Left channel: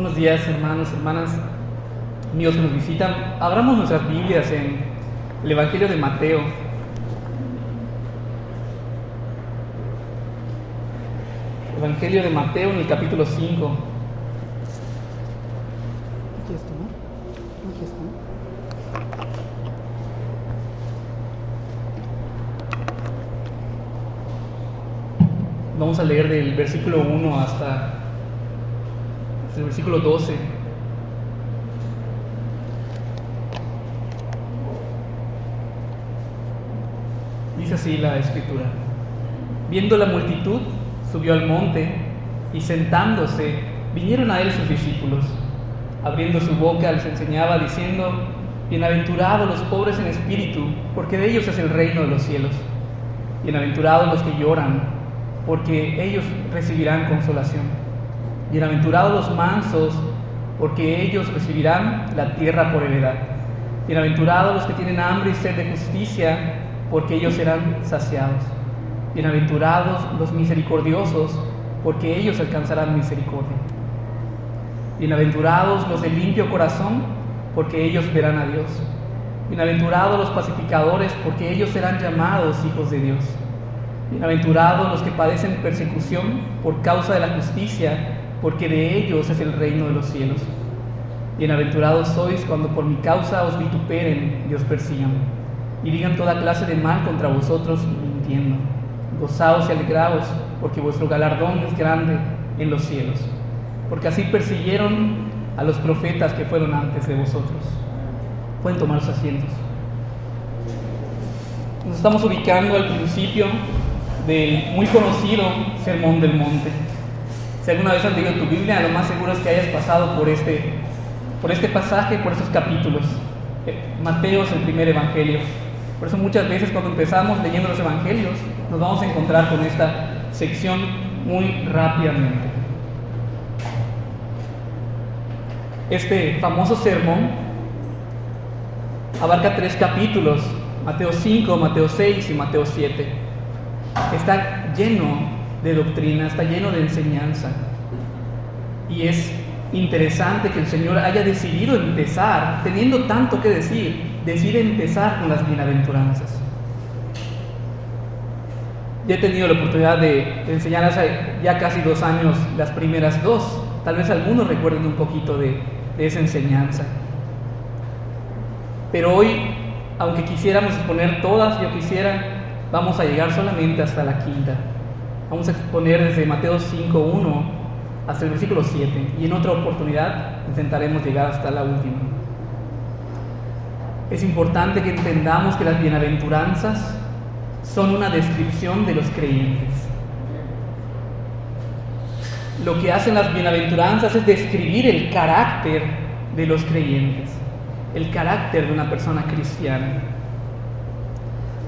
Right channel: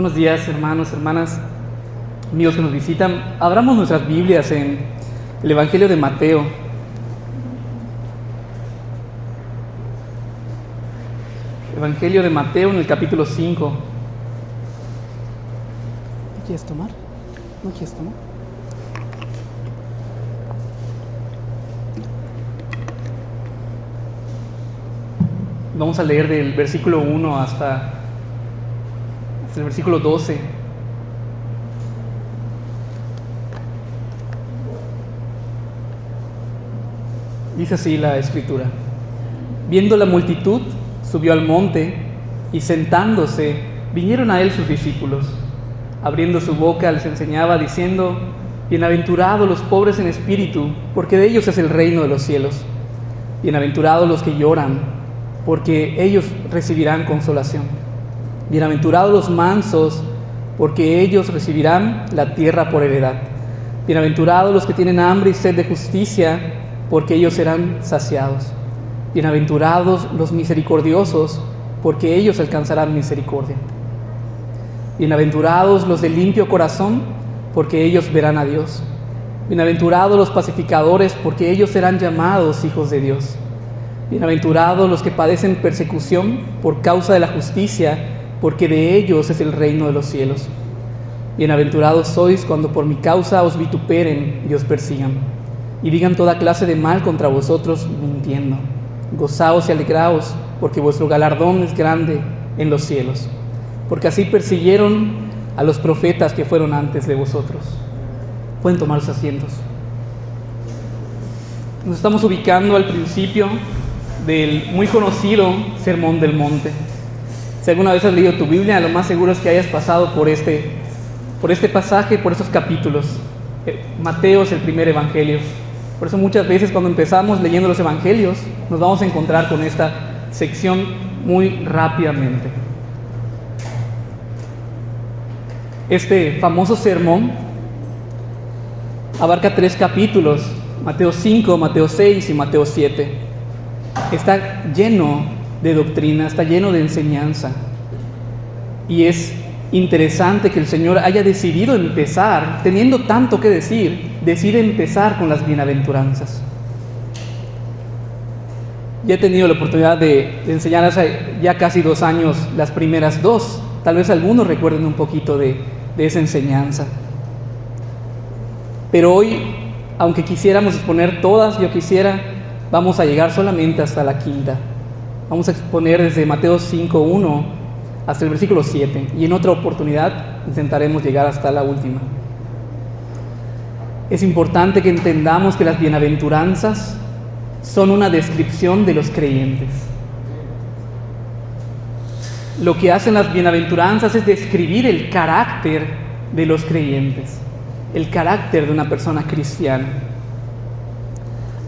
Buenos días, hermanos, hermanas, amigos que nos visitan. Abramos nuestras Biblias en el Evangelio de Mateo. Evangelio de Mateo en el capítulo 5. ¿No quieres tomar? ¿No quieres tomar? Vamos a leer del versículo 1 hasta el versículo 12. Dice así la escritura: viendo la multitud, subió al monte, y sentándose, vinieron a él sus discípulos. Abriendo su boca les enseñaba, diciendo: bienaventurados los pobres en espíritu, porque de ellos es el reino de los cielos. Bienaventurados los que lloran, porque ellos recibirán consolación. Bienaventurados los mansos, porque ellos recibirán la tierra por heredad. Bienaventurados los que tienen hambre y sed de justicia, porque ellos serán saciados. Bienaventurados los misericordiosos, porque ellos alcanzarán misericordia. Bienaventurados los de limpio corazón, porque ellos verán a Dios. Bienaventurados los pacificadores, porque ellos serán llamados hijos de Dios. Bienaventurados los que padecen persecución por causa de la justicia, porque de ellos es el reino de los cielos. Bienaventurados sois cuando por mi causa os vituperen y os persigan, y digan toda clase de mal contra vosotros mintiendo. Gozaos y alegraos, porque vuestro galardón es grande en los cielos, porque así persiguieron a los profetas que fueron antes de vosotros. Pueden tomar sus asientos. Nos estamos ubicando al principio del muy conocido Sermón del Monte. Si alguna vez has leído tu Biblia, lo más seguro es que hayas pasado por este pasaje, por estos capítulos. Mateo es el primer evangelio. Por eso muchas veces cuando empezamos leyendo los evangelios, nos vamos a encontrar con esta sección muy rápidamente. Este famoso sermón abarca 3 capítulos: Mateo 5, Mateo 6 y Mateo 7. Está lleno de doctrina, está lleno de enseñanza. Y es interesante que el Señor haya decidido empezar, teniendo tanto que decir, decide empezar con las bienaventuranzas. Ya he tenido la oportunidad de enseñar hace ya casi 2 años las primeras 2. Tal vez algunos recuerden un poquito de esa enseñanza. Pero hoy, aunque quisiéramos exponer todas, vamos a llegar solamente hasta la 5ª. Vamos a exponer desde Mateo 5:1 hasta el versículo 7, y en otra oportunidad intentaremos llegar hasta la última. Es importante que entendamos que las bienaventuranzas son una descripción de los creyentes. Lo que hacen las bienaventuranzas es describir el carácter de los creyentes, el carácter de una persona cristiana.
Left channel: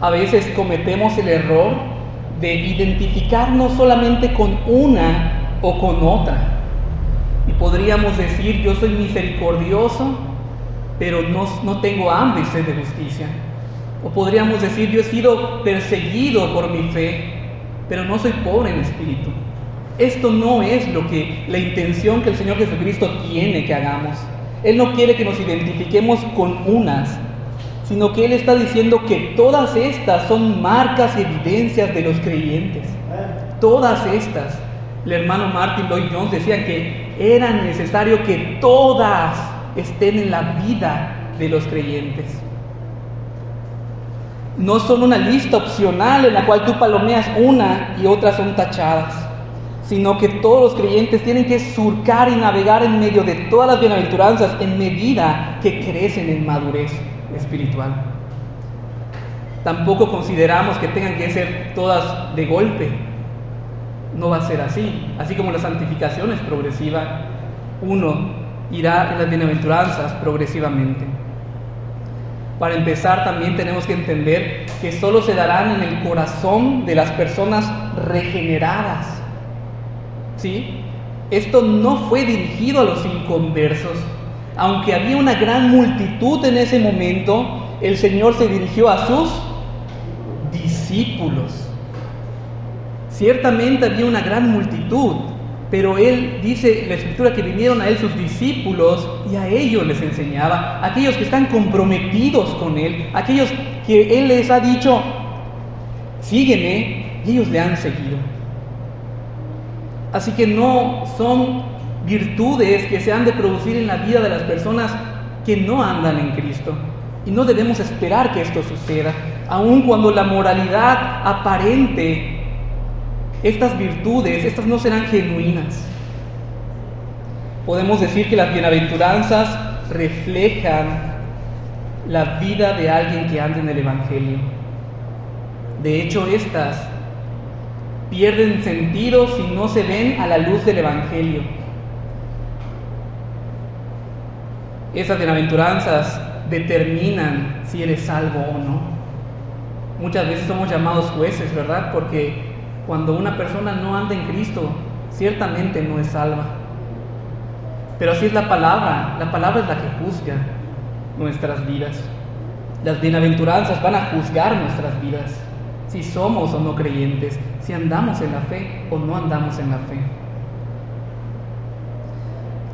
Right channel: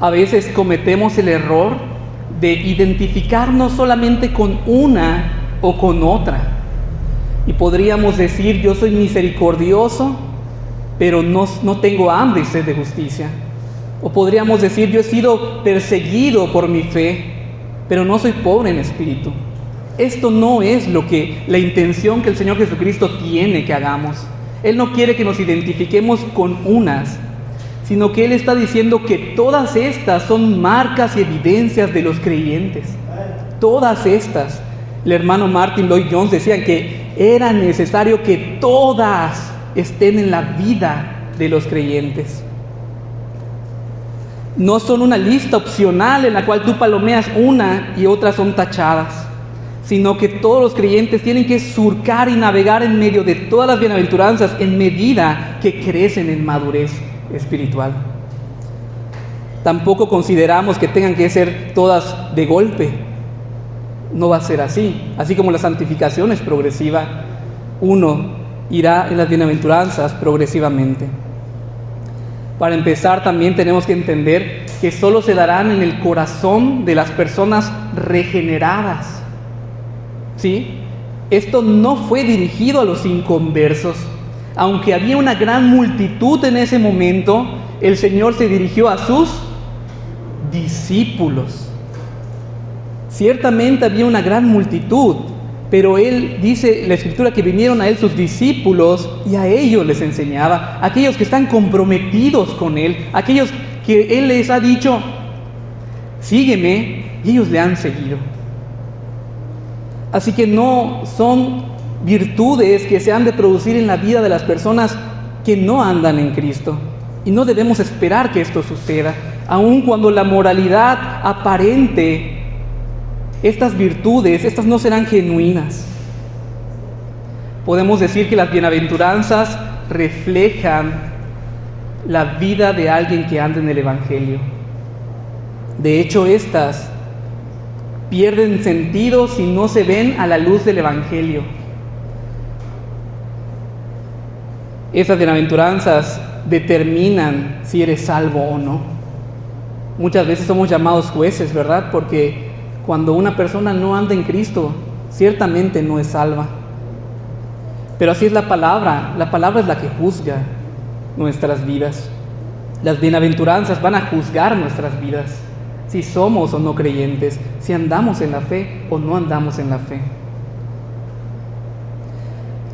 A veces cometemos el error de identificarnos solamente con una o con otra. Y podríamos decir: yo soy misericordioso, pero no tengo hambre y sed de justicia. O podríamos decir: yo he sido perseguido por mi fe, pero no soy pobre en espíritu. Esto no es la intención que el Señor Jesucristo tiene que hagamos. Él no quiere que nos identifiquemos con unas, sino que Él está diciendo que todas estas son marcas y evidencias de los creyentes. Todas estas. El hermano Martin Lloyd-Jones decía que era necesario que todas estén en la vida de los creyentes. No son una lista opcional en la cual tú palomeas una y otras son tachadas, sino que todos los creyentes tienen que surcar y navegar en medio de todas las bienaventuranzas en medida que crecen en madurez espiritual. Tampoco consideramos que tengan que ser todas de golpe. No va a ser así. Así como la santificación es progresiva, uno irá en las bienaventuranzas progresivamente. Para empezar, también tenemos que entender que solo se darán en el corazón de las personas regeneradas. ¿Sí? Esto no fue dirigido a los inconversos. Aunque había una gran multitud en ese momento, el Señor se dirigió a sus discípulos. Ciertamente había una gran multitud, pero él dice la Escritura que vinieron a él sus discípulos y a ellos les enseñaba, aquellos que están comprometidos con él, aquellos que él les ha dicho, sígueme, y ellos le han seguido. Así que no son virtudes que se han de producir en la vida de las personas que no andan en Cristo. Y no debemos esperar que esto suceda, aun cuando la moralidad aparente, estas virtudes, estas no serán genuinas. Podemos decir que las bienaventuranzas reflejan la vida de alguien que anda en el Evangelio. De hecho, estas pierden sentido si no se ven a la luz del Evangelio. Esas bienaventuranzas determinan si eres salvo o no. Muchas veces somos llamados jueces, ¿verdad? Porque cuando una persona no anda en Cristo, ciertamente no es salva. Pero así es la palabra es la que juzga nuestras vidas. Las bienaventuranzas van a juzgar nuestras vidas, si somos o no creyentes, si andamos en la fe o no andamos en la fe.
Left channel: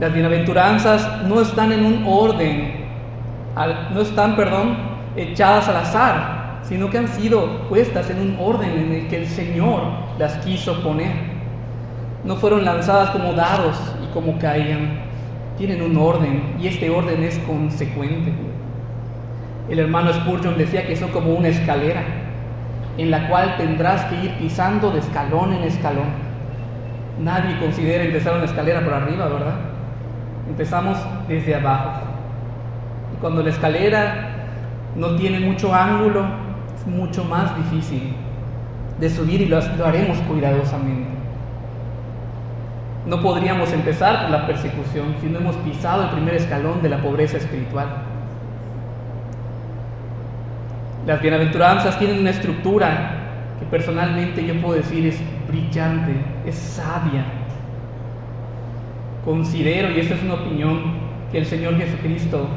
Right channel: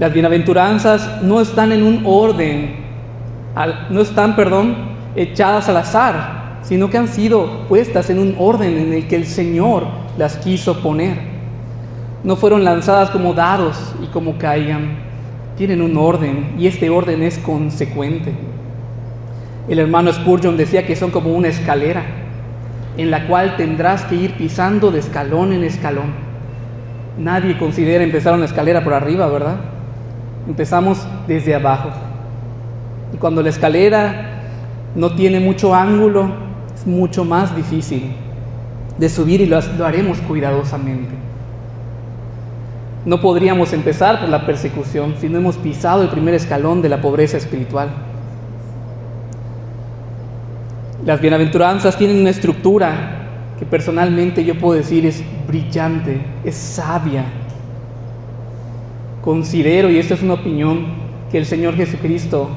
Las bienaventuranzas no están en un orden, echadas al azar, sino que han sido puestas en un orden en el que el Señor las quiso poner. No fueron lanzadas como dados y como caían. Tienen un orden y este orden es consecuente. El hermano Spurgeon decía que son como una escalera en la cual tendrás que ir pisando de escalón en escalón. Nadie considera empezar una escalera por arriba, ¿verdad? Empezamos desde abajo. Y cuando la escalera no tiene mucho ángulo, es mucho más difícil de subir y lo haremos cuidadosamente. No podríamos empezar por la persecución si no hemos pisado el primer escalón de la pobreza espiritual. Las bienaventuranzas tienen una estructura que personalmente yo puedo decir es brillante, es sabia. Considero, y esta es una opinión, que el Señor Jesucristo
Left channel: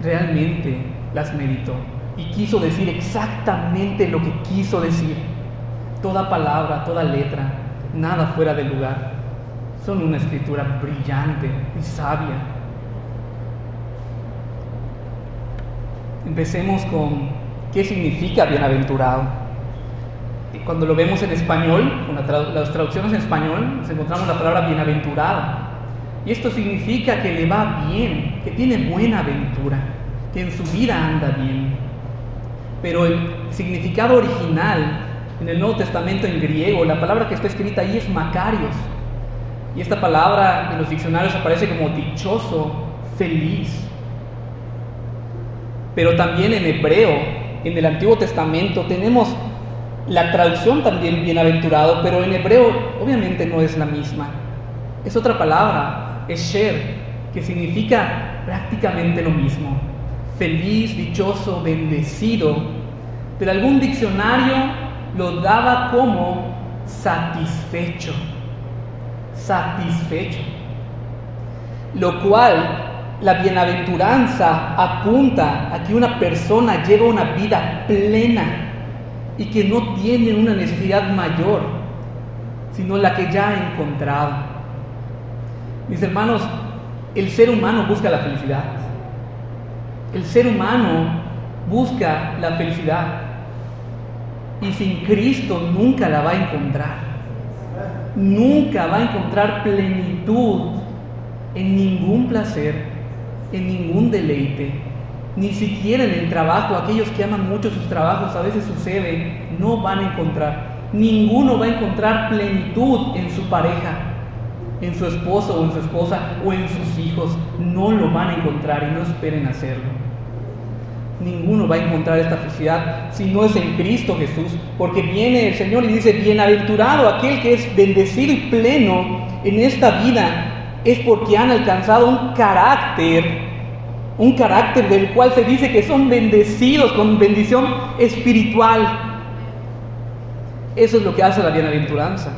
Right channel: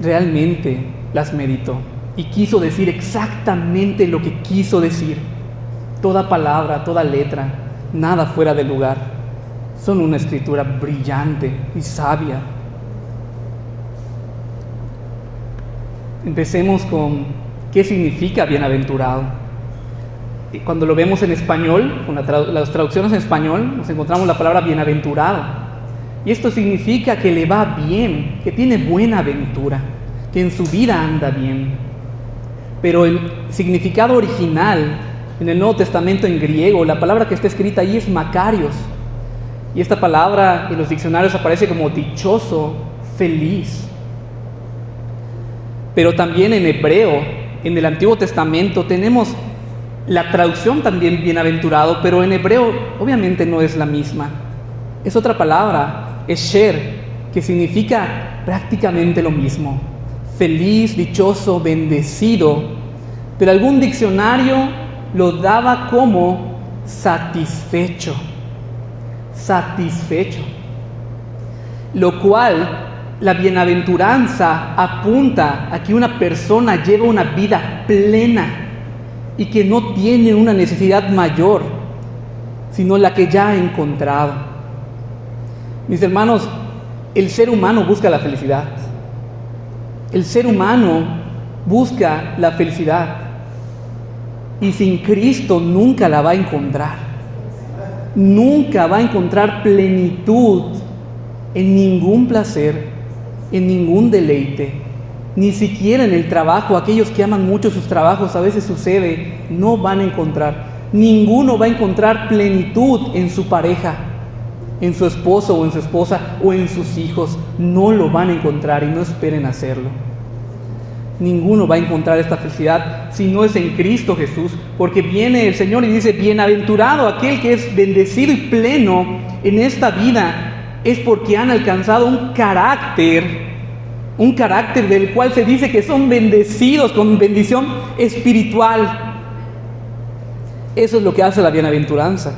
realmente las meditó y quiso decir exactamente lo que quiso decir. Toda palabra, toda letra, nada fuera de lugar. Son una escritura brillante y sabia. Empecemos con qué significa bienaventurado. Cuando lo vemos en español, con las traducciones en español, nos encontramos la palabra bienaventurado. Y esto significa que le va bien, que tiene buena ventura, que en su vida anda bien. Pero el significado original en el Nuevo Testamento en griego, la palabra que está escrita ahí es makarios. Y esta palabra en los diccionarios aparece como dichoso, feliz. Pero también en hebreo, en el Antiguo Testamento, tenemos la traducción también bienaventurado, pero en hebreo obviamente no es la misma. Es otra palabra, esher, que significa prácticamente lo mismo. Feliz, dichoso, bendecido. Pero algún diccionario lo daba como satisfecho. Satisfecho. Lo cual, la bienaventuranza apunta a que una persona lleva una vida plena y que no tiene una necesidad mayor, sino la que ya ha encontrado. Mis hermanos, el ser humano busca la felicidad. El ser humano busca la felicidad y sin Cristo nunca la va a encontrar. Nunca va a encontrar plenitud en ningún placer, en ningún deleite, ni siquiera en el trabajo. Aquellos que aman mucho sus trabajos, a veces sucede, no van a encontrar. Ninguno va a encontrar plenitud en su pareja, en su esposo o en su esposa o en sus hijos. No lo van a encontrar y no esperen hacerlo. Ninguno va a encontrar esta felicidad si no es en Cristo Jesús, porque viene el Señor y dice: bienaventurado aquel que es bendecido y pleno en esta vida, es porque han alcanzado un carácter del cual se dice que son bendecidos con bendición espiritual. Eso es lo que hace la bienaventuranza.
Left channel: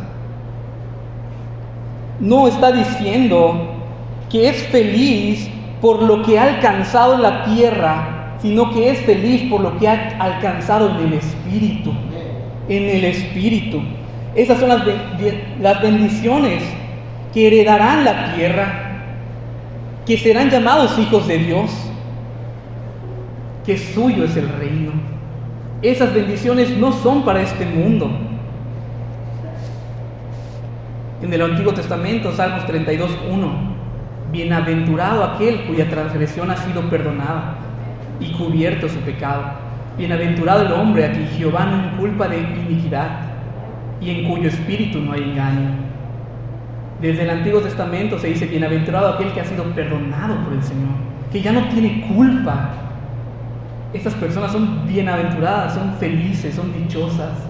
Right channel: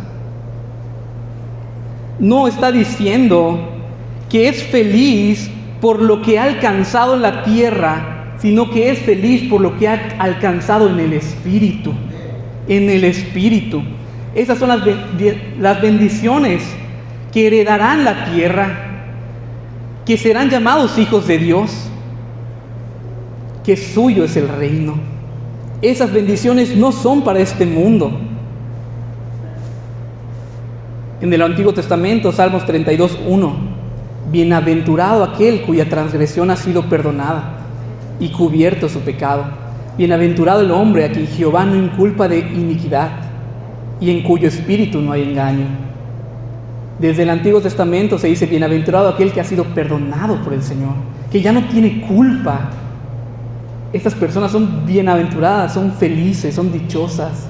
No está diciendo que es feliz por lo que ha alcanzado en la tierra, sino que es feliz por lo que ha alcanzado en el Espíritu. En el Espíritu. Esas son las bendiciones que heredarán la tierra, que serán llamados hijos de Dios, que suyo es el reino. Esas bendiciones no son para este mundo. En el Antiguo Testamento, Salmos 32:1, bienaventurado aquel cuya transgresión ha sido perdonada y cubierto su pecado. Bienaventurado el hombre a quien Jehová no inculpa de iniquidad y en cuyo espíritu no hay engaño. Desde el Antiguo Testamento se dice bienaventurado aquel que ha sido perdonado por el Señor, que ya no tiene culpa. Estas personas son bienaventuradas, son felices, son dichosas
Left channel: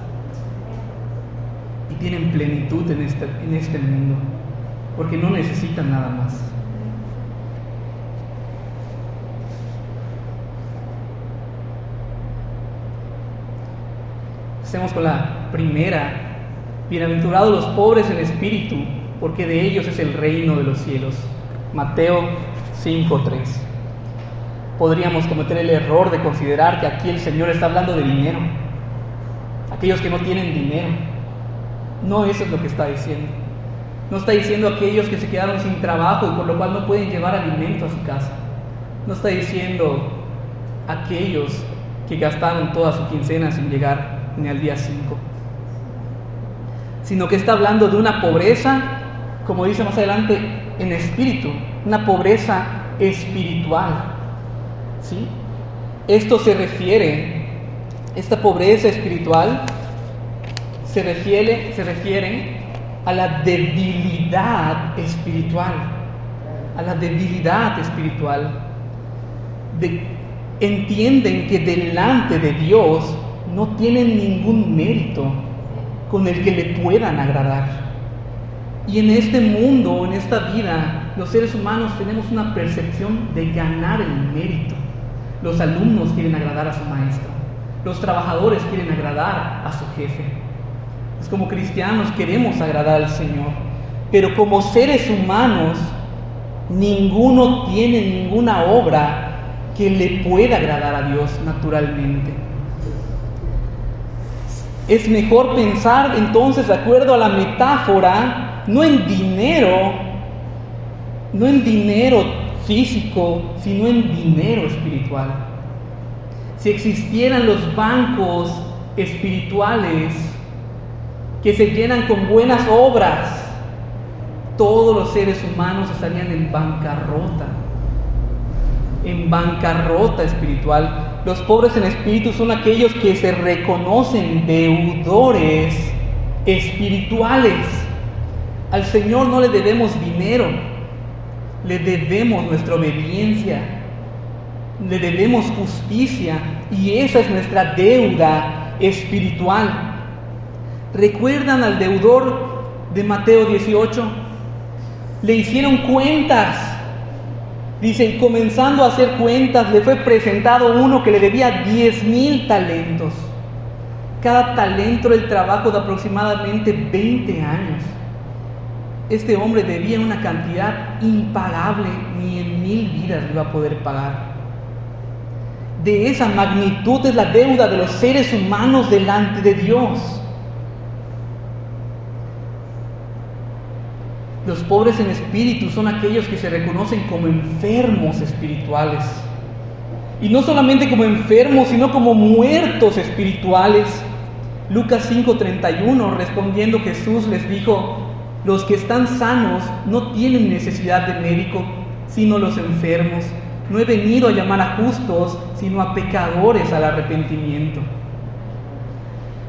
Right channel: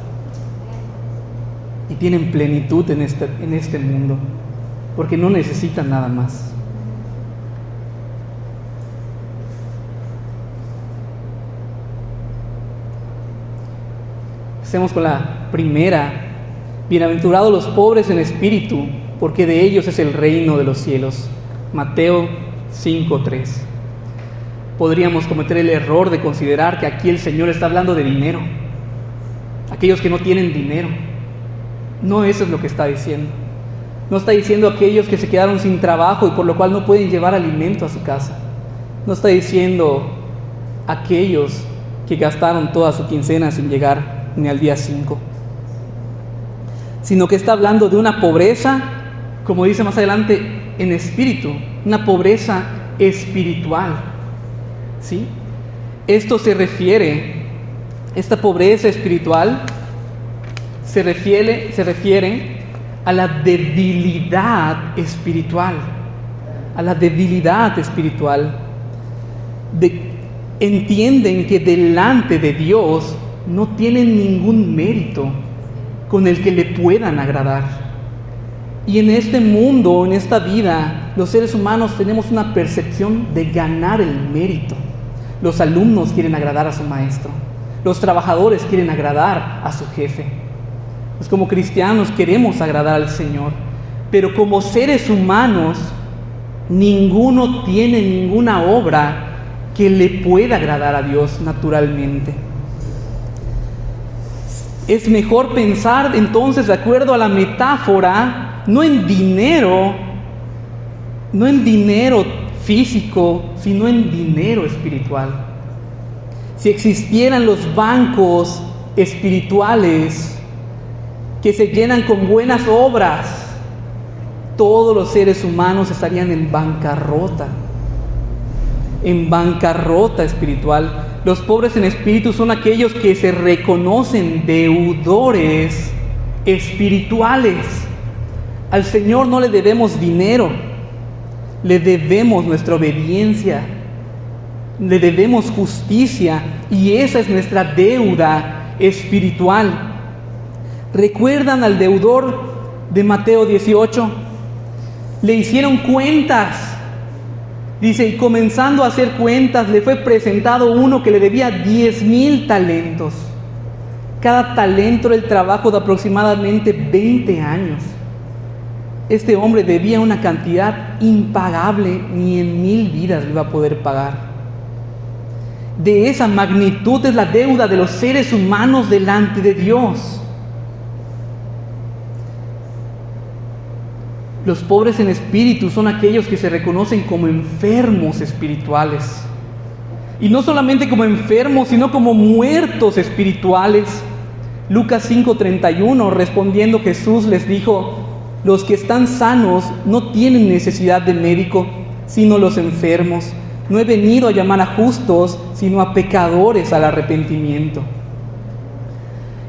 y tienen plenitud en este mundo, porque no necesitan nada más. Empecemos con la primera. Bienaventurados los pobres en espíritu, porque de ellos es el reino de los cielos. Mateo 5:3. Podríamos cometer el error de considerar que aquí el Señor está hablando de dinero. Aquellos que no tienen dinero. No, eso es lo que está diciendo. No está diciendo aquellos que se quedaron sin trabajo y por lo cual no pueden llevar alimento a su casa. No está diciendo aquellos que gastaron toda su quincena sin llegar ni al día 5. Sino que está hablando de una pobreza, como dice más adelante, en espíritu. Una pobreza espiritual. ¿Sí? Esto se refiere, esta pobreza espiritual se refiere a la debilidad espiritual, entienden que delante de Dios no tienen ningún mérito con el que le puedan agradar. Y en este mundo, en esta vida, los seres humanos tenemos una percepción de ganar el mérito. Los alumnos quieren agradar a su maestro. Los trabajadores quieren agradar a su jefe. Pues como cristianos queremos agradar al Señor. Pero como seres humanos, ninguno tiene ninguna obra que le pueda agradar a Dios naturalmente. Es mejor pensar entonces, de acuerdo a la metáfora, no en dinero físico, sino en dinero espiritual. Si existieran los bancos espirituales que se llenan con buenas obras, todos los seres humanos estarían en bancarrota espiritual. Los pobres en espíritu son aquellos que se reconocen deudores espirituales. Al Señor no le debemos dinero, le debemos nuestra obediencia, le debemos justicia, y esa es nuestra deuda espiritual. ¿Recuerdan al deudor de Mateo 18? Le hicieron cuentas. Dice, y comenzando a hacer cuentas, le fue presentado uno que le debía 10,000 talentos. Cada talento era el trabajo de aproximadamente 20 años. Este hombre debía una cantidad impagable, ni en 1000 vidas lo iba a poder pagar. De esa magnitud es la deuda de los seres humanos delante de Dios. Los pobres en espíritu son aquellos que se reconocen como enfermos espirituales. Y no solamente como enfermos, sino como muertos espirituales. Lucas 5:31, respondiendo Jesús les dijo: los que están sanos no tienen necesidad de médico, sino los enfermos. No he venido a llamar a justos, sino a pecadores al arrepentimiento.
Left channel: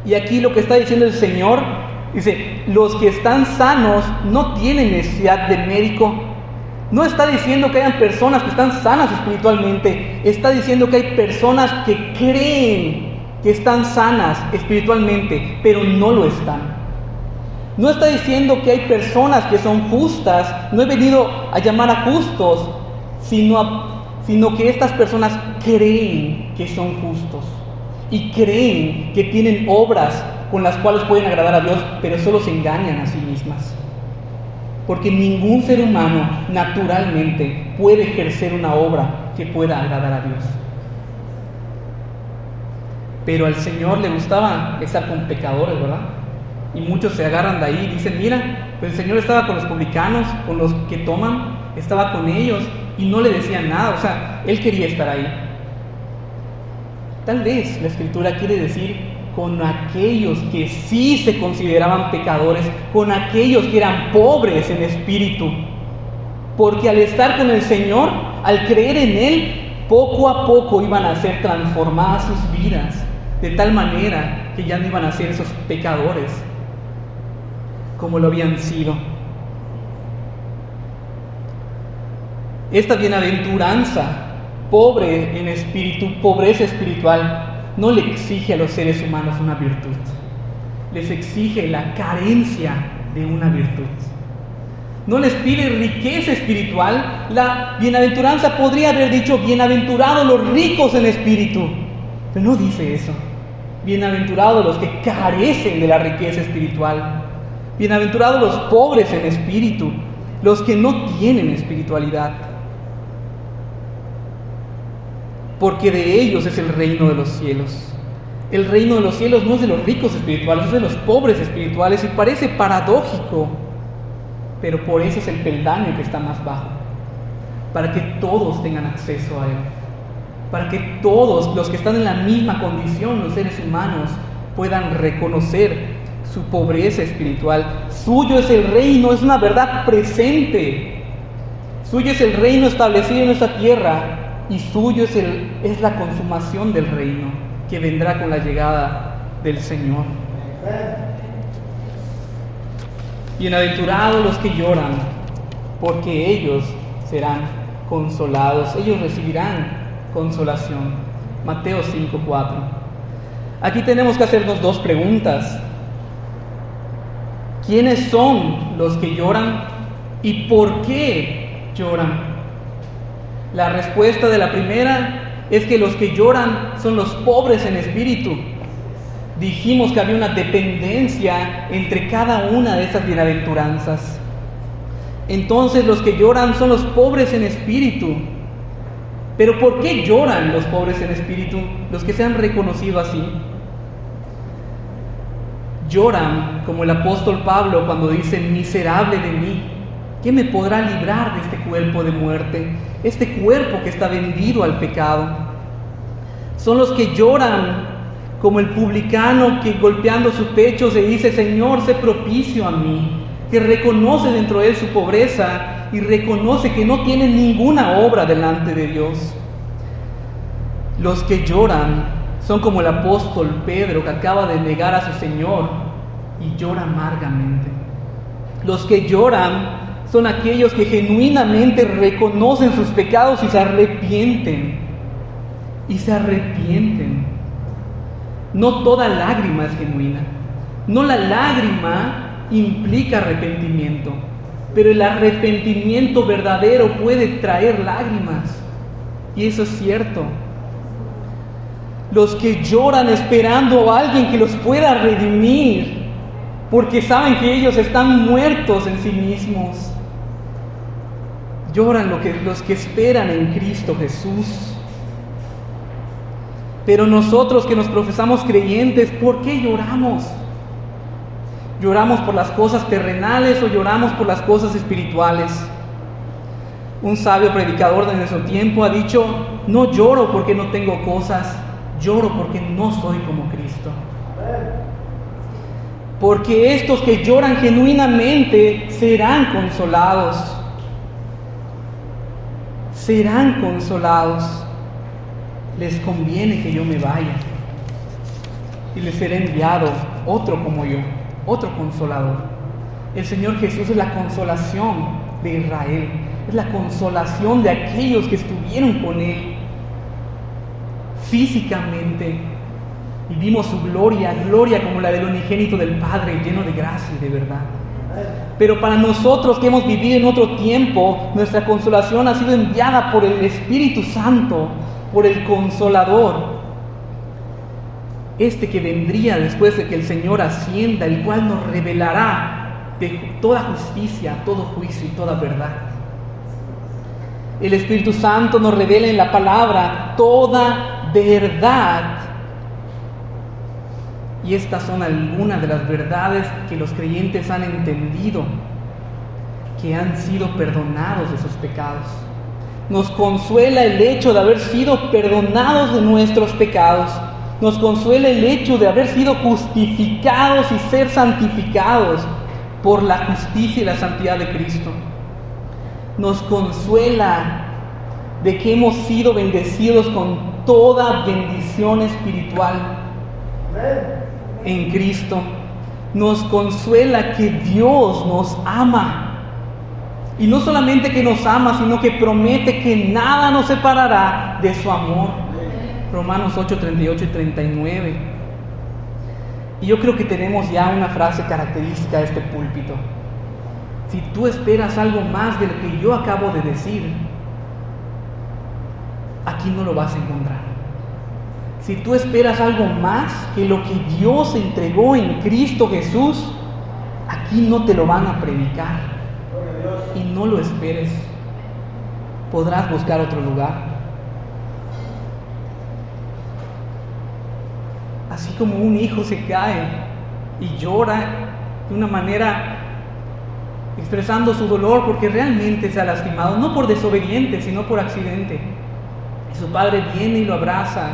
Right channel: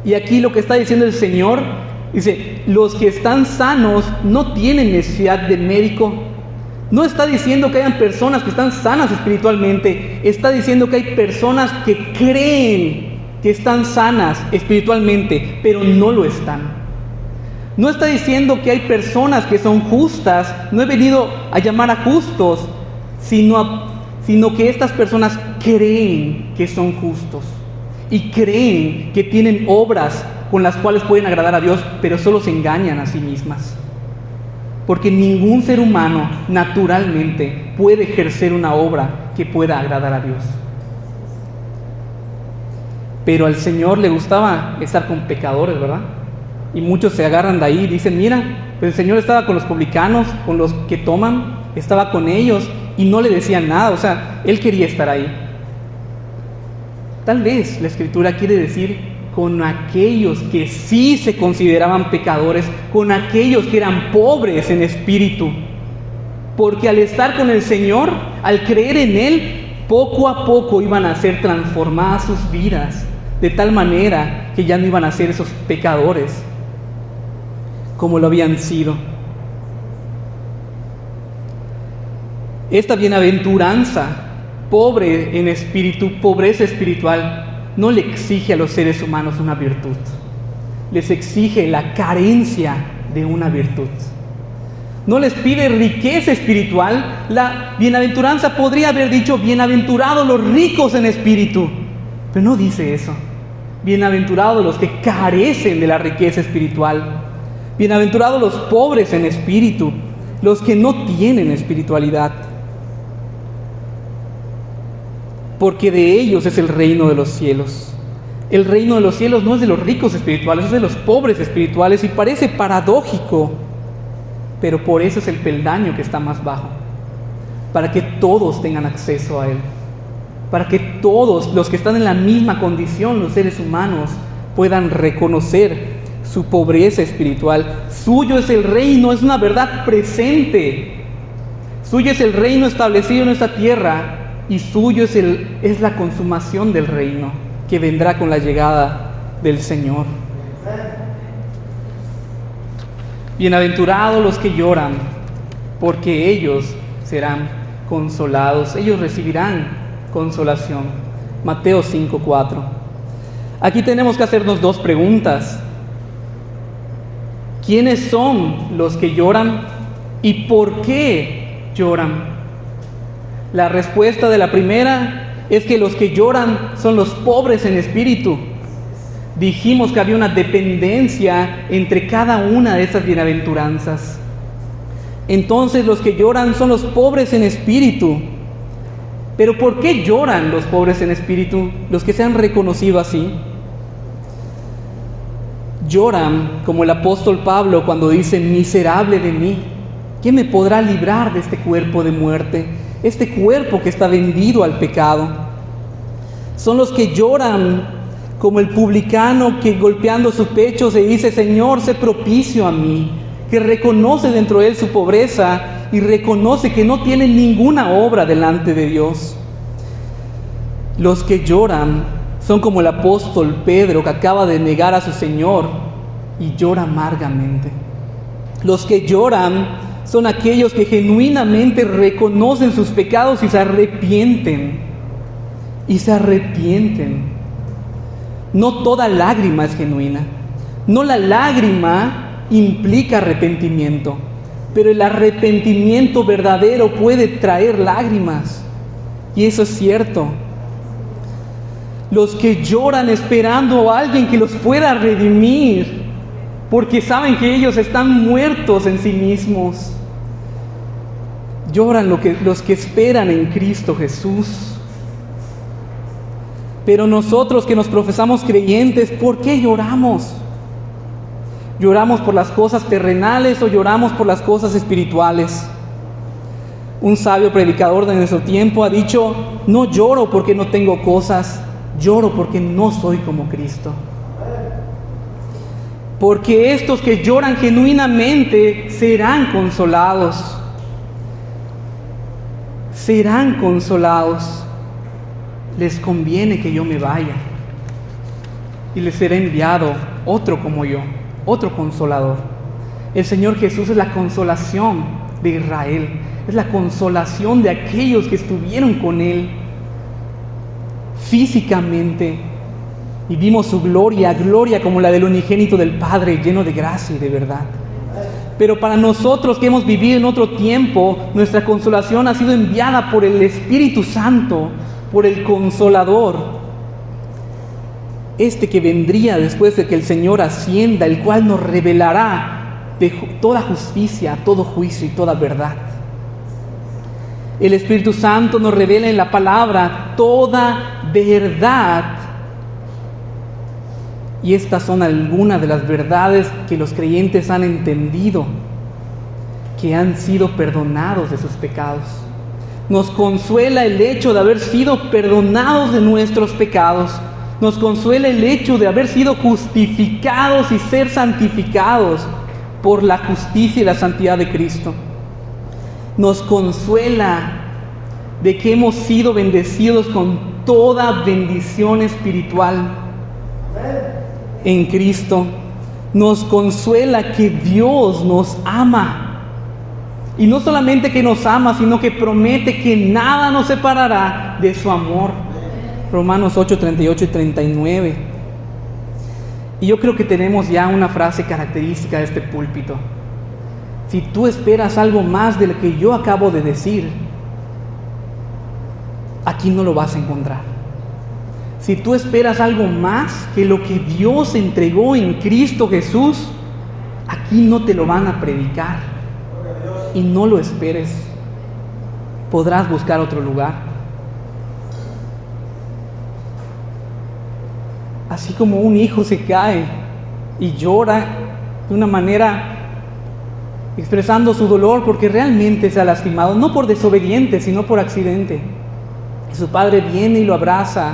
Y aquí lo que está diciendo el Señor, dice, los que están sanos no tienen necesidad de médico. No está diciendo que hayan personas que están sanas espiritualmente, está diciendo que hay personas que creen que están sanas espiritualmente, pero no lo están. No está diciendo que hay personas que son justas, no he venido a llamar a justos, sino que estas personas creen que son justos y creen que tienen obras con las cuales pueden agradar a Dios, pero solo se engañan a sí mismas. Porque ningún ser humano naturalmente puede ejercer una obra que pueda agradar a Dios. Pero al Señor le gustaba estar con pecadores, ¿verdad? Y muchos se agarran de ahí y dicen, mira, Pero el Señor estaba con los publicanos, con los que toman, estaba con ellos y no le decían nada. O sea, Él quería estar ahí. Tal vez la Escritura quiere decir con aquellos que sí se consideraban pecadores, con aquellos que eran pobres en espíritu. Porque al estar con el Señor, al creer en Él, poco a poco iban a ser transformadas sus vidas, de tal manera que ya no iban a ser esos pecadores como lo habían sido. Esta bienaventuranza, pobre en espíritu, pobreza espiritual, no le exige a los seres humanos una virtud, les exige la carencia de una virtud. No les pide riqueza espiritual. La bienaventuranza podría haber dicho, bienaventurados los ricos en espíritu, pero no dice eso. Bienaventurados los que carecen de la riqueza espiritual. Bienaventurados los pobres en espíritu, los que no tienen espiritualidad. Porque de ellos es el reino de los cielos. El reino de los cielos no es de los ricos espirituales, es de los pobres espirituales, y parece paradójico, pero por eso es el peldaño que está más bajo, para que todos tengan acceso a Él, para que todos los que están en la misma condición, los seres humanos, puedan reconocer su pobreza espiritual. Suyo es el reino, es una verdad presente. Suyo es el reino establecido en esta tierra, y suyo es la consumación del reino que vendrá con la llegada del Señor. Bienaventurados los que lloran, porque ellos serán consolados, ellos recibirán consolación. Mateo 5:4. Aquí tenemos que hacernos dos preguntas. ¿Quiénes son los que lloran y por qué lloran? La respuesta de la primera es que los que lloran son los pobres en espíritu. Dijimos que había una dependencia entre cada una de estas bienaventuranzas. Entonces los que lloran son los pobres en espíritu. Pero ¿por qué lloran los pobres en espíritu? Los que se han reconocido así. Lloran como el apóstol Pablo cuando dice, miserable de mí, ¿quién me podrá librar de este cuerpo de muerte? Este cuerpo que está vendido al pecado. Son los que lloran como el publicano que golpeando su pecho se dice, Señor, sé propicio a mí, que reconoce dentro de él su pobreza y reconoce que no tiene ninguna obra delante de Dios. Los que lloran son como el apóstol Pedro que acaba de negar a su Señor y llora amargamente. Los que lloran son aquellos que genuinamente reconocen sus pecados y se arrepienten. Y se arrepienten. No toda lágrima es genuina. No la lágrima implica arrepentimiento, pero el arrepentimiento verdadero puede traer lágrimas. Y eso es cierto. Los que lloran esperando a alguien que los pueda redimir, porque saben que ellos están muertos en sí mismos. Lloran los que esperan en Cristo Jesús. Pero nosotros que nos profesamos creyentes, ¿por qué lloramos? ¿Lloramos por las cosas terrenales o lloramos por las cosas espirituales? Un sabio predicador de nuestro tiempo ha dicho, no lloro porque no tengo cosas, lloro porque no soy como Cristo. Porque estos que lloran genuinamente serán consolados. Serán consolados. Les conviene que yo me vaya y les será enviado otro como yo, otro consolador. El Señor Jesús es la consolación de Israel, es la consolación de aquellos que estuvieron con Él físicamente y vimos su gloria como la del unigénito del Padre, lleno de gracia y de verdad. Pero para nosotros que hemos vivido en otro tiempo, nuestra consolación ha sido enviada por el Espíritu Santo, por el Consolador, este que vendría después de que el Señor ascienda, el cual nos revelará de toda justicia, todo juicio y toda verdad. El Espíritu Santo nos revela en la palabra toda verdad. Y estas son algunas de las verdades que los creyentes han entendido que han sido perdonados de sus pecados. Nos consuela el hecho de haber sido perdonados de nuestros pecados. Nos consuela el hecho de haber sido justificados y ser santificados por la justicia y la santidad de Cristo. Nos consuela de que hemos sido bendecidos con toda bendición espiritual en Cristo. Nos consuela que Dios nos ama. Y no solamente que nos ama, sino que promete que nada nos separará de su amor. Romanos 8, 38 y 39. Y yo creo que tenemos ya una frase característica de este púlpito. Si tú esperas algo más de lo que yo acabo de decir, aquí no lo vas a encontrar. Si tú esperas algo más que lo que Dios entregó en Cristo Jesús, aquí no te lo van a predicar. Y no lo esperes. Podrás buscar otro lugar. Así como un hijo se cae y llora de una manera expresando su dolor porque realmente se ha lastimado, no por desobediente, sino por accidente. Y su padre viene y lo abraza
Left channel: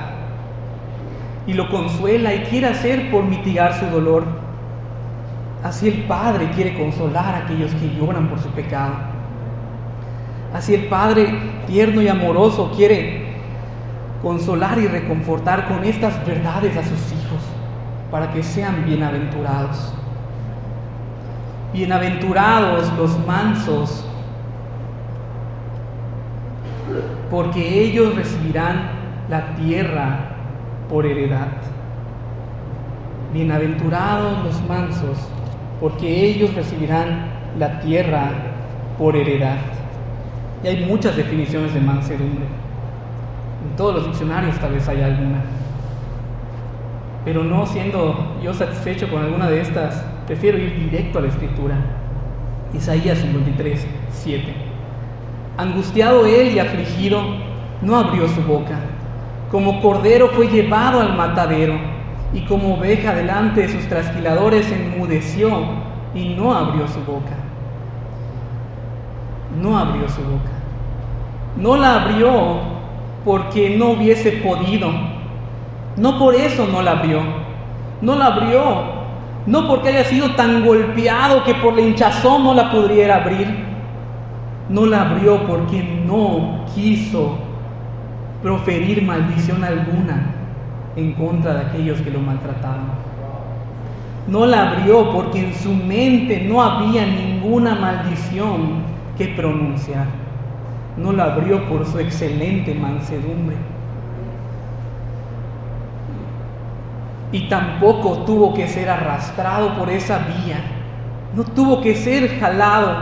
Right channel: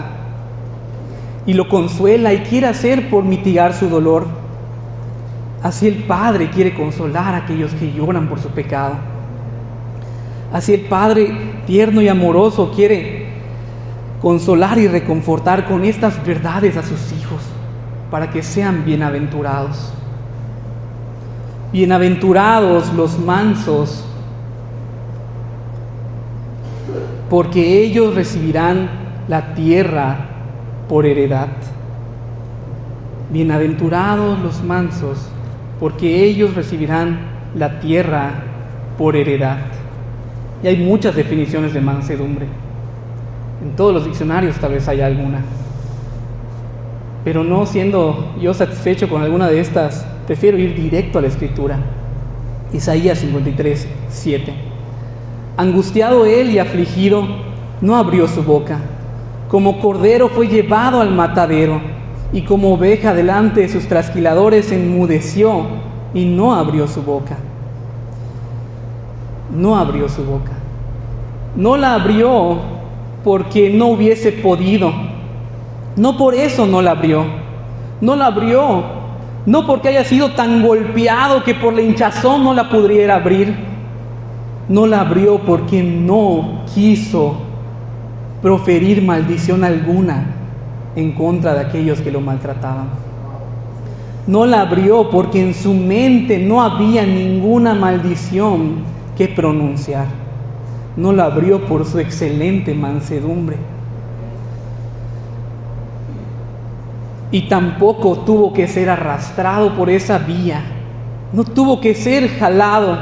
y lo consuela y quiere hacer por mitigar su dolor. Así el Padre quiere consolar a aquellos que lloran por su pecado. Así el Padre tierno y amoroso quiere consolar y reconfortar con estas verdades a sus hijos para que sean bienaventurados. Bienaventurados los mansos, porque ellos recibirán la tierra por heredad. Bienaventurados los mansos, porque ellos recibirán la tierra por heredad. Y hay muchas definiciones de mansedumbre. En todos los diccionarios tal vez haya alguna. Pero no siendo yo satisfecho con alguna de estas, prefiero ir directo a la Escritura. Isaías 53, 7. Angustiado él y afligido, no abrió su boca. Como cordero fue llevado al matadero, y como oveja delante de sus trasquiladores enmudeció y no abrió su boca. No abrió su boca. No la abrió porque no hubiese podido. No por eso no la abrió. No la abrió, no porque haya sido tan golpeado que por la hinchazón no la pudiera abrir. No la abrió porque no quiso proferir maldición alguna en contra de aquellos que lo maltrataban. No la abrió porque en su mente no había ninguna maldición que pronunciar. No la abrió por su excelente mansedumbre. Y tampoco tuvo que ser arrastrado por esa vía. No tuvo que ser jalado,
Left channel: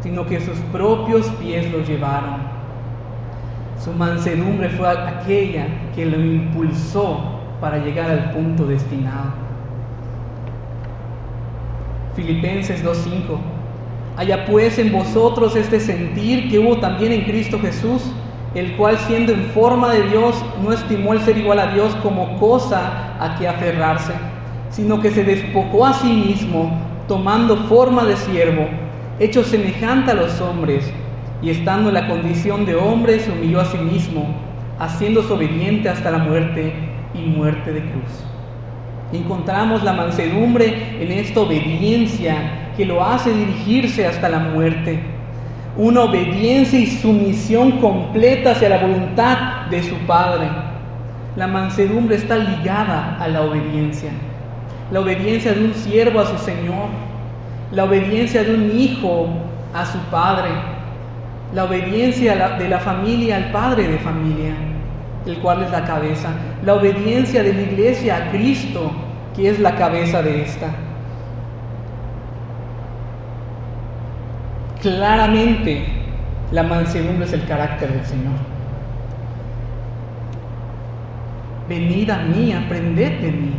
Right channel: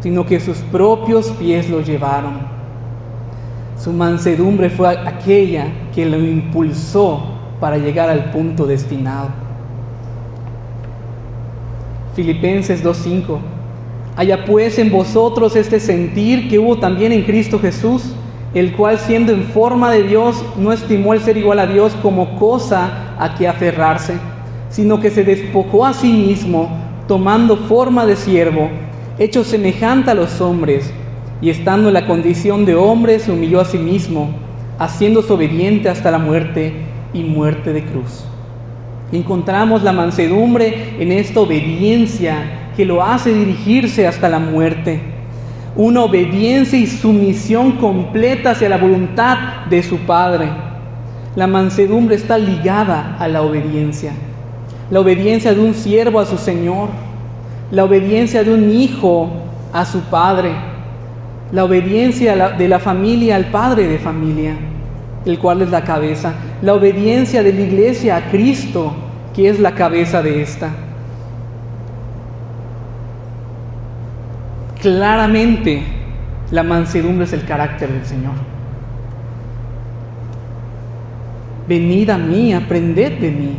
sino que sus propios pies lo llevaron. Su mansedumbre fue aquella que lo impulsó para llegar al punto destinado. Filipenses 2:5. Haya pues en vosotros este sentir que hubo también en Cristo Jesús, el cual siendo en forma de Dios, no estimó el ser igual a Dios como cosa a que aferrarse, sino que se despojó a sí mismo, tomando forma de siervo, hecho semejante a los hombres, y estando en la condición de hombre, se humilló a sí mismo, haciéndose obediente hasta la muerte y muerte de cruz. Encontramos la mansedumbre en esta obediencia que lo hace dirigirse hasta la muerte. Una obediencia y sumisión completa hacia la voluntad de su Padre. La mansedumbre está ligada a la obediencia. La obediencia de un siervo a su Señor. La obediencia de un hijo a su padre. La obediencia de la familia al padre de familia, el cual es la cabeza. La obediencia de la iglesia a Cristo, que es la cabeza de esta. Claramente, la mansedumbre es el carácter del Señor. Venid a mí, aprended de mí.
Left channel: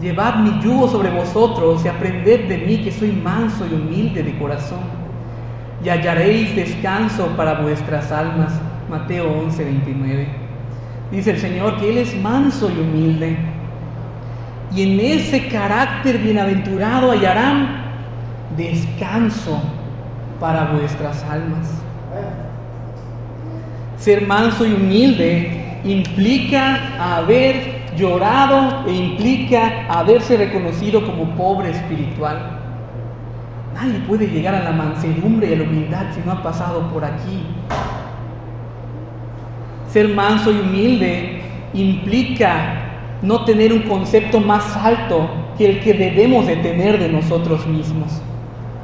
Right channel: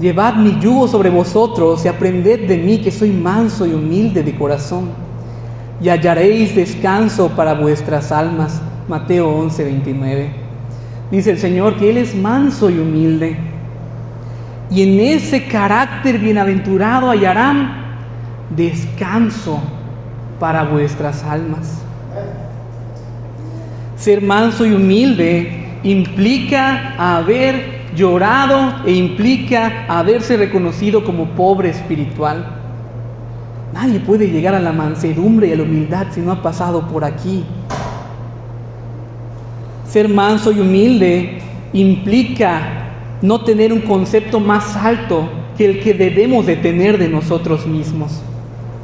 Llevad mi yugo sobre vosotros y aprended de mí, que soy manso y humilde de corazón, y hallaréis descanso para vuestras almas. Mateo 11:29. Dice el Señor que Él es manso y humilde, y en ese carácter bienaventurado hallarán descanso para vuestras almas. Ser manso y humilde implica haber llorado e implica haberse reconocido como pobre espiritual. Nadie puede llegar a la mansedumbre y a la humildad si no ha pasado por aquí. Ser manso y humilde implica no tener un concepto más alto que el que debemos de tener de nosotros mismos.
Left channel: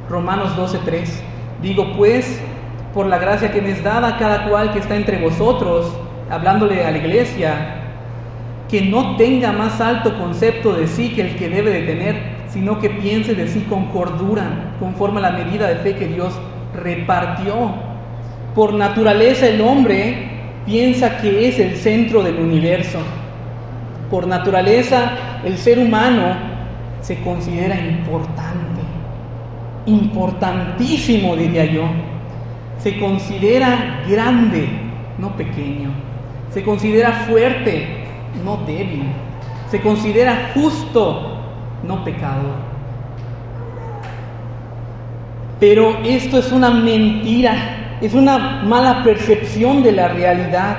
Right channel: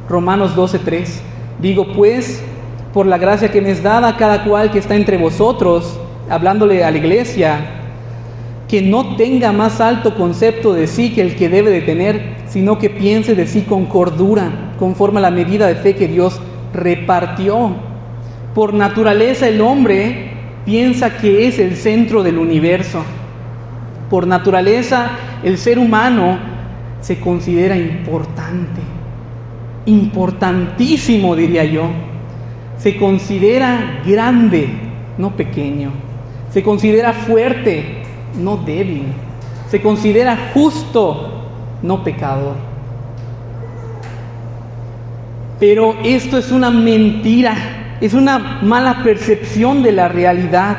Romanos 12:3. Digo pues, por la gracia que me es dada a cada cual que está entre vosotros, hablándole a la iglesia, que no tenga más alto concepto de sí que el que debe de tener, sino que piense de sí con cordura, conforme a la medida de fe que Dios repartió. Por naturaleza el hombre piensa que es el centro del universo. Por naturaleza el ser humano se considera importante, importantísimo diría yo. Se considera grande, no pequeño. Se considera fuerte, no débil. Se considera justo, no pecador. Pero esto es una mentira, es una mala percepción de la realidad,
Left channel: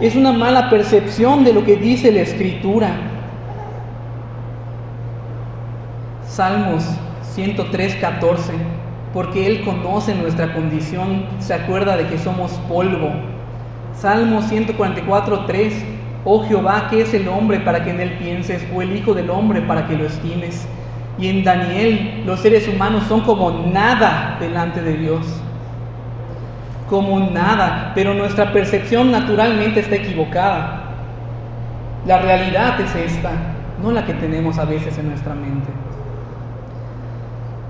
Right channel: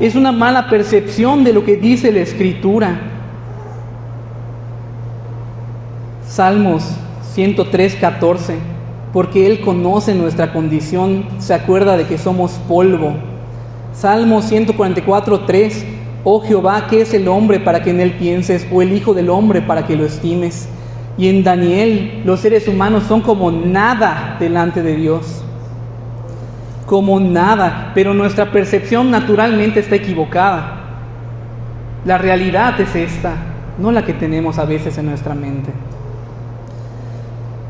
es una mala percepción de lo que dice la Escritura. Salmos 103:14, porque Él conoce nuestra condición, se acuerda de que somos polvo. Salmo 144:3, oh Jehová, ¿qué es el hombre para que en él pienses? O el hijo del hombre para que lo estimes. Y en Daniel, los seres humanos son como nada delante de Dios. Como nada, pero nuestra percepción naturalmente está equivocada. La realidad es esta, no la que tenemos a veces en nuestra mente.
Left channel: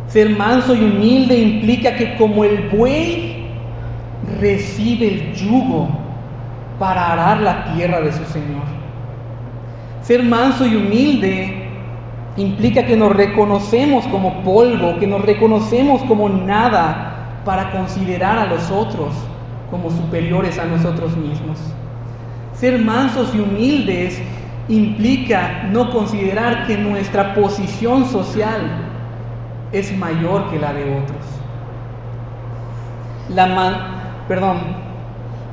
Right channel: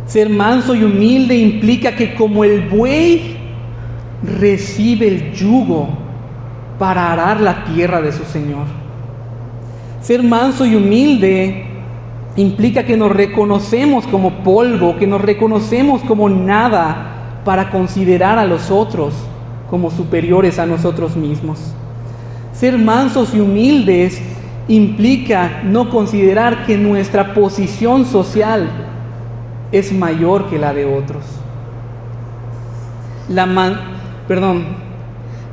Ser manso y humilde implica que como el buey recibe el yugo para arar la tierra de su Señor. Ser manso y humilde implica que nos reconocemos como polvo, que nos reconocemos como nada para considerar a los otros como superiores a nosotros mismos. Ser mansos y humildes implica no considerar que nuestra posición social es mayor que la de otros.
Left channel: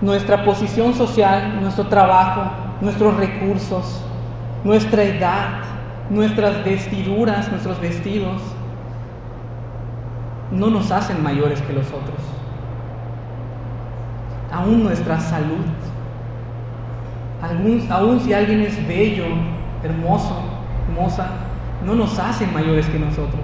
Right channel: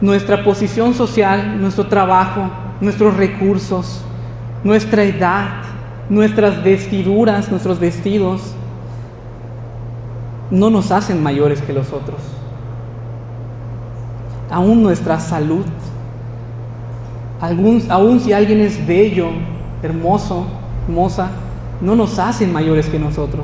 Nuestra posición social, nuestro trabajo, nuestros recursos, nuestra edad, nuestras vestiduras, nuestros vestidos, no nos hacen mayores que los otros. Aún nuestra salud, aún si alguien es bello, hermoso, hermosa, no nos hacen mayores que nosotros.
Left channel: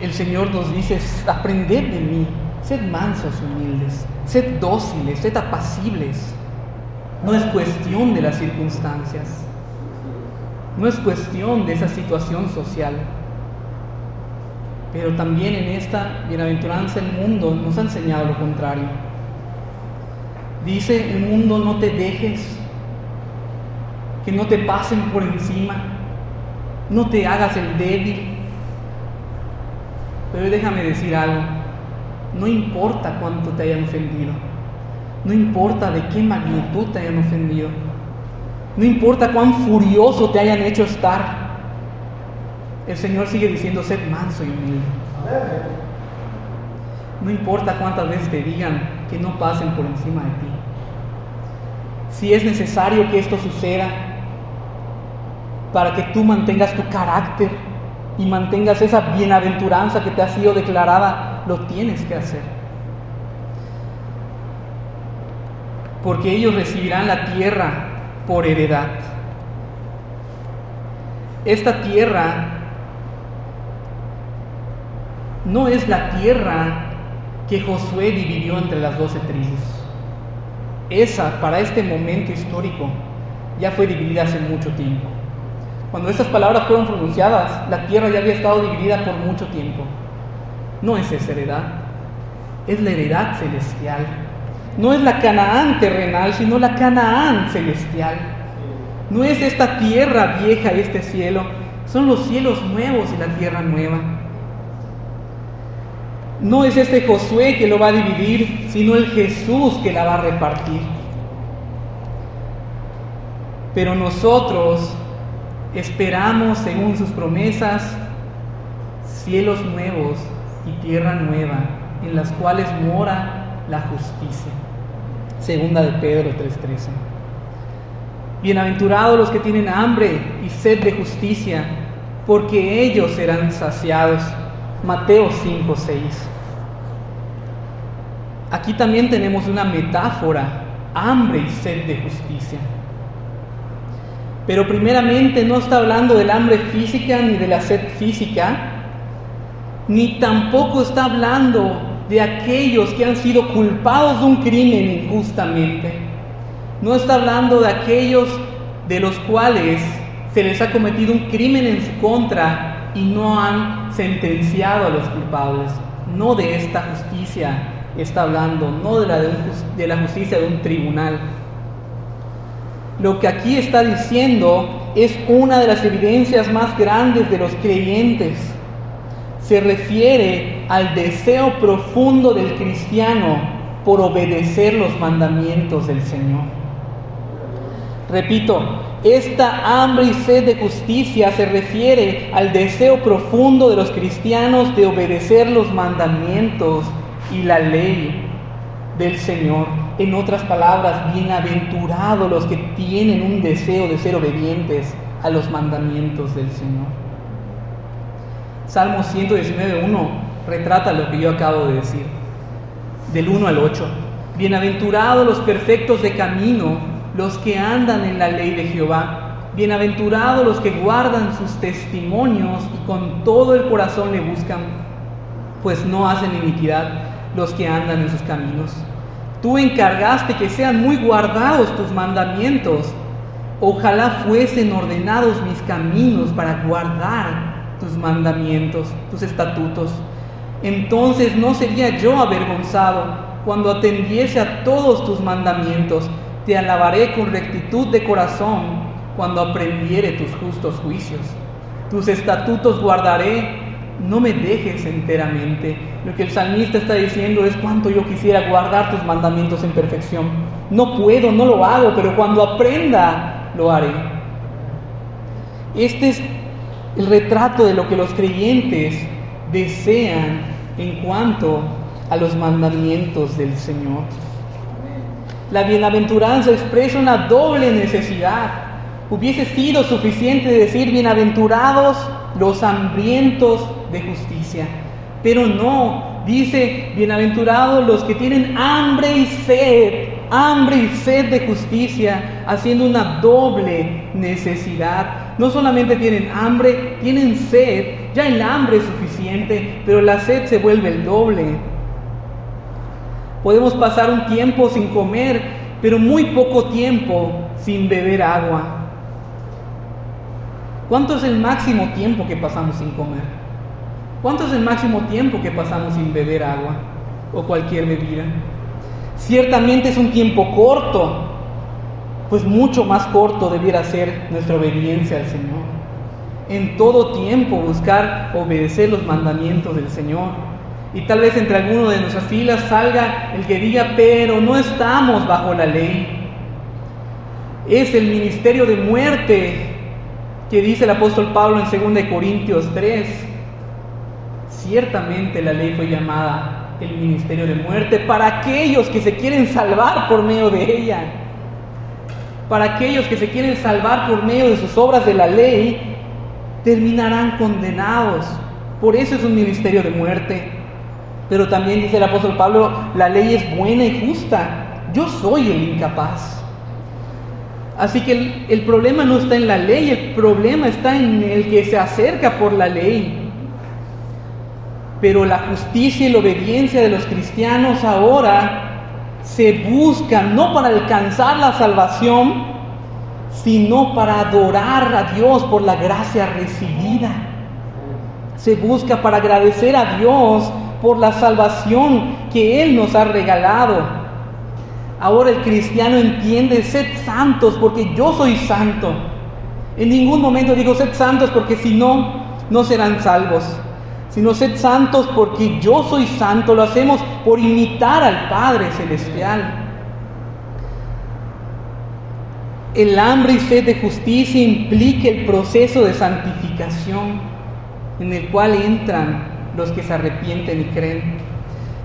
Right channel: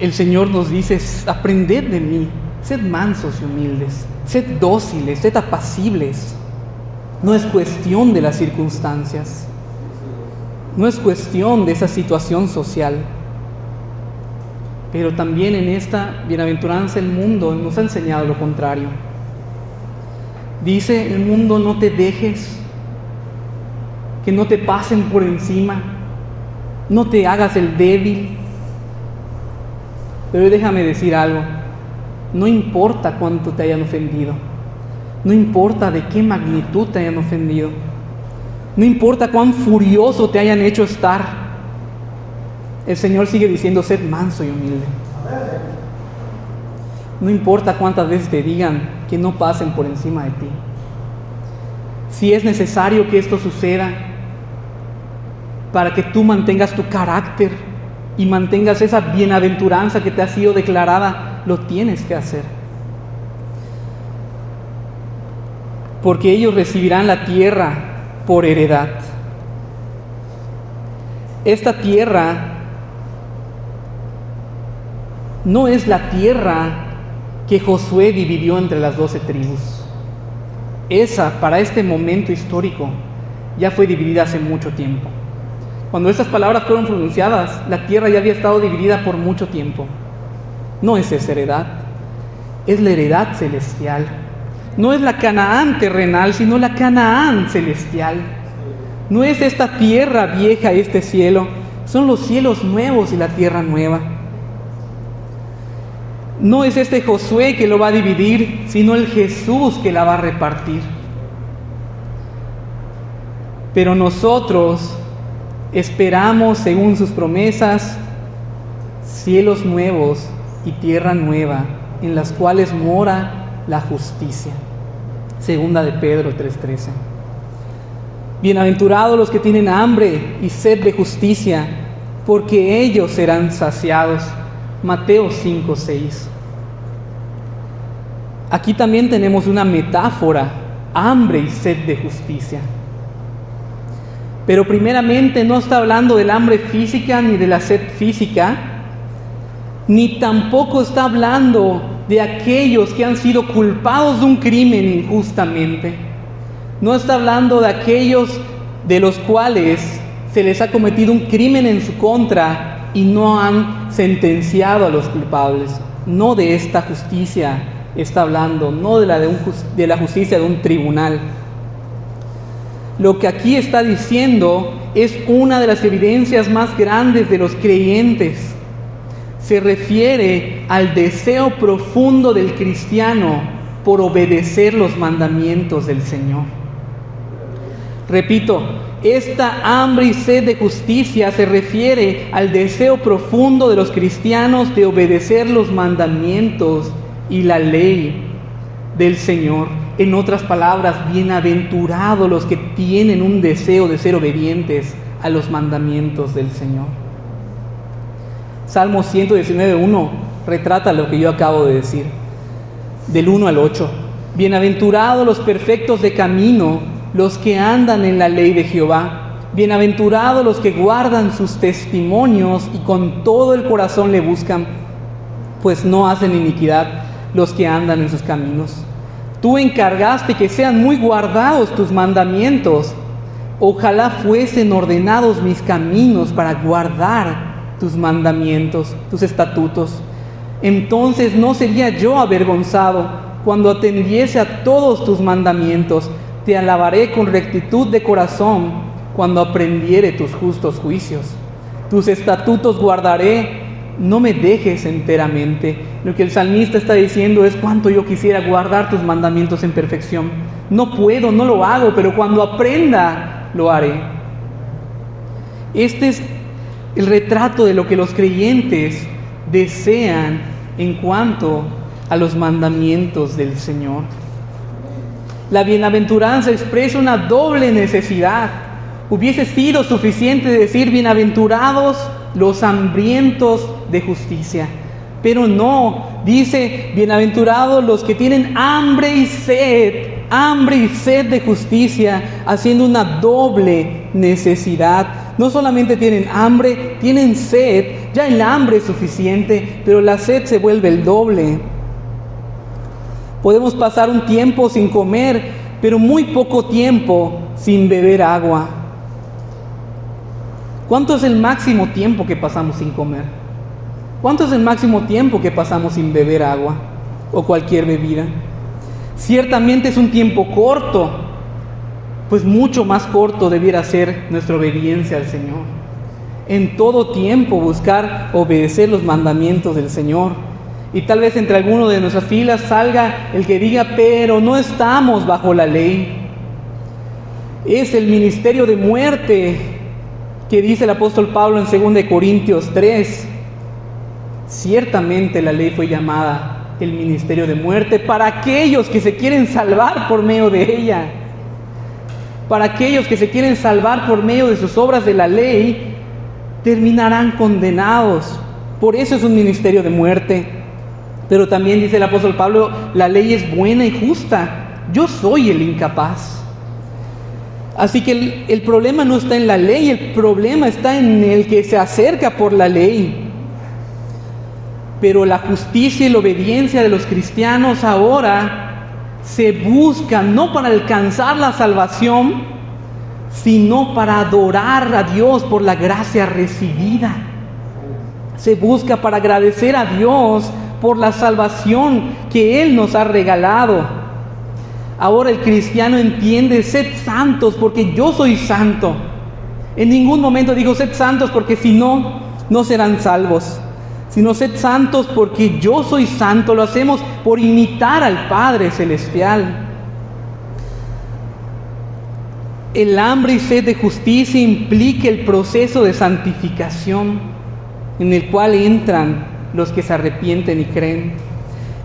El Señor nos dice, aprended de mí, sed mansos y humildes, sed dóciles, sed apacibles. No es cuestión de las circunstancias, no es cuestión de esa situación social. Pero también en esta bienaventuranza el mundo nos ha enseñado lo contrario. Dice el mundo, no te dejes, que no te pasen por encima, no te hagas el débil. Pero déjame decir algo, no importa cuánto te hayan ofendido, no importa de qué magnitud te hayan ofendido, no importa cuán furioso te hayan hecho estar, el Señor sigue diciendo, sed manso y humilde. No importa cuántas veces te digan que no pasen por encima de ti. Si es necesario que esto suceda para que tú mantengas tu carácter y mantengas esa bienaventuranza que te ha sido declarada, lo tienes que hacer. Porque ellos recibirán la tierra por heredad. Esta tierra no es la tierra que Josué dividió entre las 12 tribus. Esa, para este momento histórico, ya fue dividida hace mucho tiempo. Cuando estas palabras fueron pronunciadas, la tierra ya había estado dividida por mucho tiempo. No es esa heredad, es la heredad celestial. No es la Canaán terrenal, sino la Canaán celestial. No es esta tierra vieja y este cielo, son los cielos nuevos y la tierra nueva. No es este Josué que lo va a dividir, sino el Jesús que la va a repartir. Pero nosotros esperamos, según sus promesas, cielos nuevos y tierra nueva, en las cuales mora la justicia. Segunda de Pedro 3:13. Bienaventurados los que tienen hambre y sed de justicia, porque ellos serán saciados. Mateo 5:6. Aquí también tenemos una metáfora, hambre y sed de justicia. Pero primeramente no está hablando del hambre física ni de la sed física, ni tampoco está hablando de aquellos que han sido culpados de un crimen injustamente. No está hablando de aquellos de los cuales se les ha cometido un crimen en su contra y no han sentenciado a los culpables. No de esta justicia está hablando, no de la justicia de un tribunal. Lo que aquí está diciendo es una de las evidencias más grandes de los creyentes. Se refiere al deseo profundo del cristiano por obedecer los mandamientos del Señor. Repito, esta hambre y sed de justicia se refiere al deseo profundo de los cristianos de obedecer los mandamientos y la ley del Señor. En otras palabras, bienaventurados los que tienen un deseo de ser obedientes a los mandamientos del Señor. Salmo 119:1 retrata lo que yo acabo de decir, del 1 al 8. Bienaventurados los perfectos de camino, los que andan en la ley de Jehová. Bienaventurados los que guardan sus testimonios y con todo el corazón le buscan, pues no hacen iniquidad los que andan en sus caminos. Tú encargaste que sean muy guardados tus mandamientos. Ojalá fuesen ordenados mis caminos para guardar tus mandamientos, tus estatutos. Entonces no sería yo avergonzado cuando atendiese a todos tus mandamientos. Te alabaré con rectitud de corazón cuando aprendiere tus justos juicios. Tus estatutos guardaré, no me dejes enteramente. Lo que el salmista está diciendo es cuánto yo quisiera guardar tus mandamientos en perfección. No puedo, no lo hago, pero cuando aprenda, lo haré. Este es el retrato de lo que los creyentes desean en cuanto a los mandamientos del Señor. La bienaventuranza expresa una doble necesidad. Hubiese sido suficiente decir bienaventurados los hambrientos de justicia, pero no, dice bienaventurados los que tienen hambre y sed de justicia, haciendo una doble necesidad. No solamente tienen hambre, tienen sed. Ya el hambre es suficiente, pero la sed se vuelve el doble. Podemos pasar un tiempo sin comer, pero muy poco tiempo sin beber agua. ¿Cuánto es el máximo tiempo que pasamos sin comer? ¿Cuánto es el máximo tiempo que pasamos sin beber agua o cualquier bebida? Ciertamente es un tiempo corto, pues mucho más corto debiera ser nuestra obediencia al Señor. En todo tiempo buscar obedecer los mandamientos del Señor. Y tal vez entre algunos de nuestras filas salga el que diga, pero no estamos bajo la ley. Es el ministerio de muerte que dice el apóstol Pablo en 2 Corintios 3. Ciertamente la ley fue llamada el ministerio de muerte para aquellos que se quieren salvar por medio de ella. Para aquellos que se quieren salvar por medio de sus obras de la ley, terminarán condenados. Por eso es un ministerio de muerte. Pero también dice el apóstol Pablo, la ley es buena y justa. Yo soy el incapaz. Así que el problema no está en la ley, el problema está en el que se acerca por la ley. Pero la justicia y la obediencia de los cristianos ahora se buscan no para alcanzar la salvación, sino para adorar a Dios por la gracia recibida. Se busca para agradecer a Dios por la salvación que Él nos ha regalado. Ahora el cristiano entiende, sed santos porque yo soy santo. En ningún momento digo sed santos porque si no, no serán salvos. Sino sed santos porque yo soy santo. Lo hacemos por imitar al Padre Celestial. El hambre y sed de justicia implica el proceso de santificación. en el cual entran los que se arrepienten y creen.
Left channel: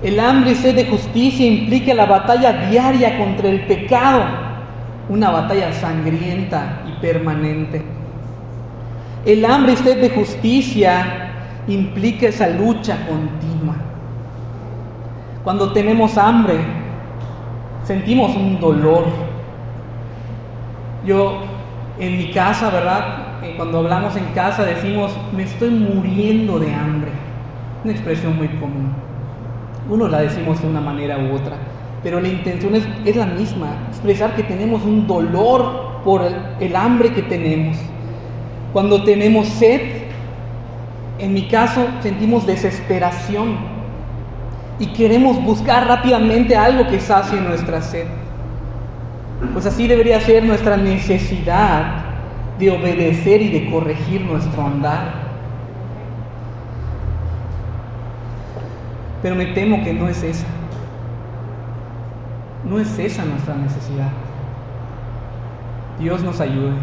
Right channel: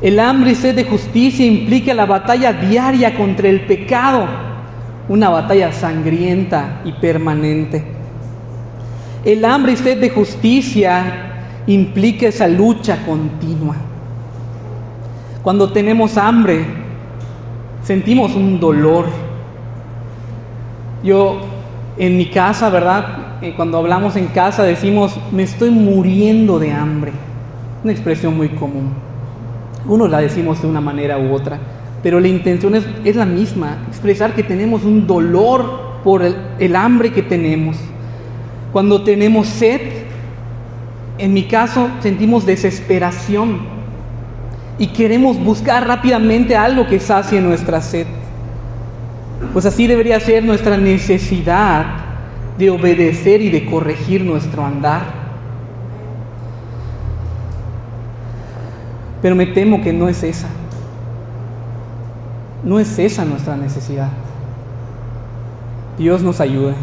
El hambre y sed de justicia implica la batalla diaria contra el pecado, una batalla sangrienta y permanente. El hambre y sed de justicia implica esa lucha continua. Cuando tenemos hambre, sentimos un dolor. Yo, en mi casa, ¿verdad? Cuando hablamos en casa decimos, me estoy muriendo de hambre. Una expresión muy común. Unos la decimos de una manera u otra, pero la intención es la misma, expresar que tenemos un dolor por el hambre que tenemos. Cuando tenemos sed, en mi caso sentimos desesperación y queremos buscar rápidamente algo que sacie nuestra sed. Pues así debería ser nuestra necesidad de obedecer y de corregir nuestro andar. Pero me temo que no es esa. No es esa nuestra necesidad. Dios nos ayude.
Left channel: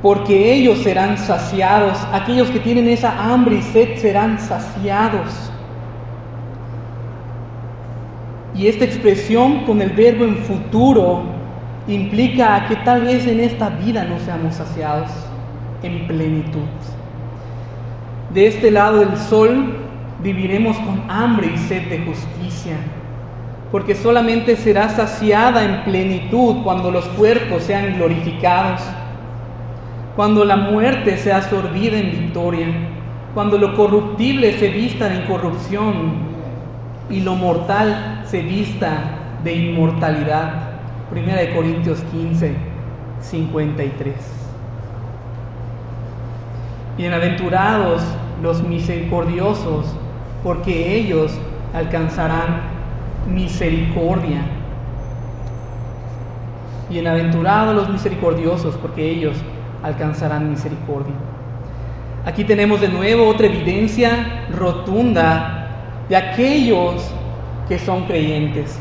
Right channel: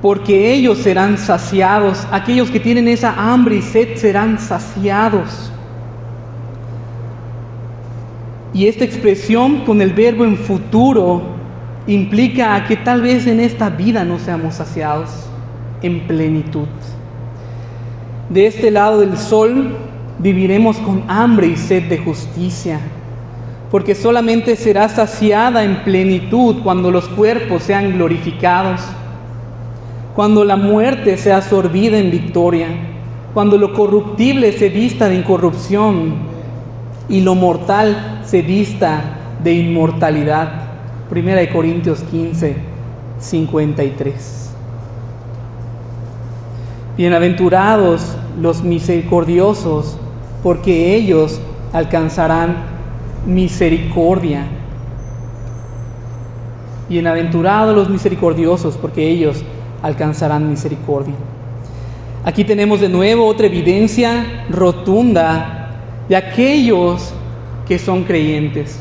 Porque ellos serán saciados. Aquellos que tienen esa hambre y sed serán saciados. Y esta expresión con el verbo en futuro implica a que tal vez en esta vida no seamos saciados en plenitud. De este lado del sol viviremos con hambre y sed de justicia, porque solamente será saciada en plenitud cuando los cuerpos sean glorificados, cuando la muerte sea absorbida en victoria, cuando lo corruptible se vista de incorrupción y lo mortal se vista de inmortalidad. 1 Corintios 15, 53. Bienaventurados los misericordiosos, porque ellos alcanzarán misericordia. Bienaventurados los misericordiosos, porque ellos alcanzarán misericordia. Aquí tenemos de nuevo otra evidencia rotunda de aquellos que son creyentes.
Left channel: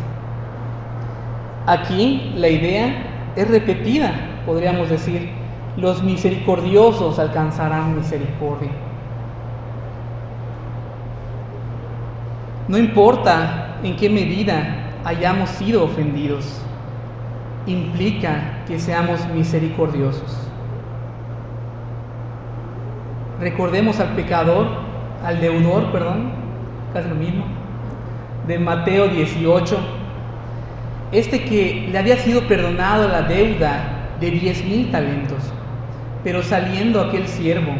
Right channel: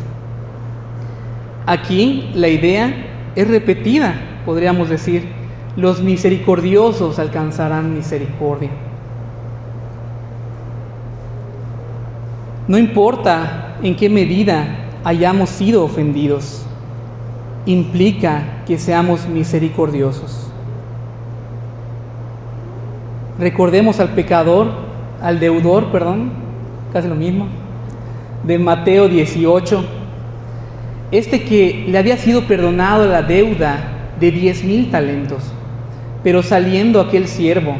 Aquí la idea es repetida, podríamos decir. Los misericordiosos alcanzarán misericordia. No importa en qué medida hayamos sido ofendidos, implica que seamos misericordiosos. Recordemos al deudor, casi lo mismo, de Mateo 18. Este que le había sido perdonado la deuda de 10,000 talentos. Pero saliendo aquel siervo,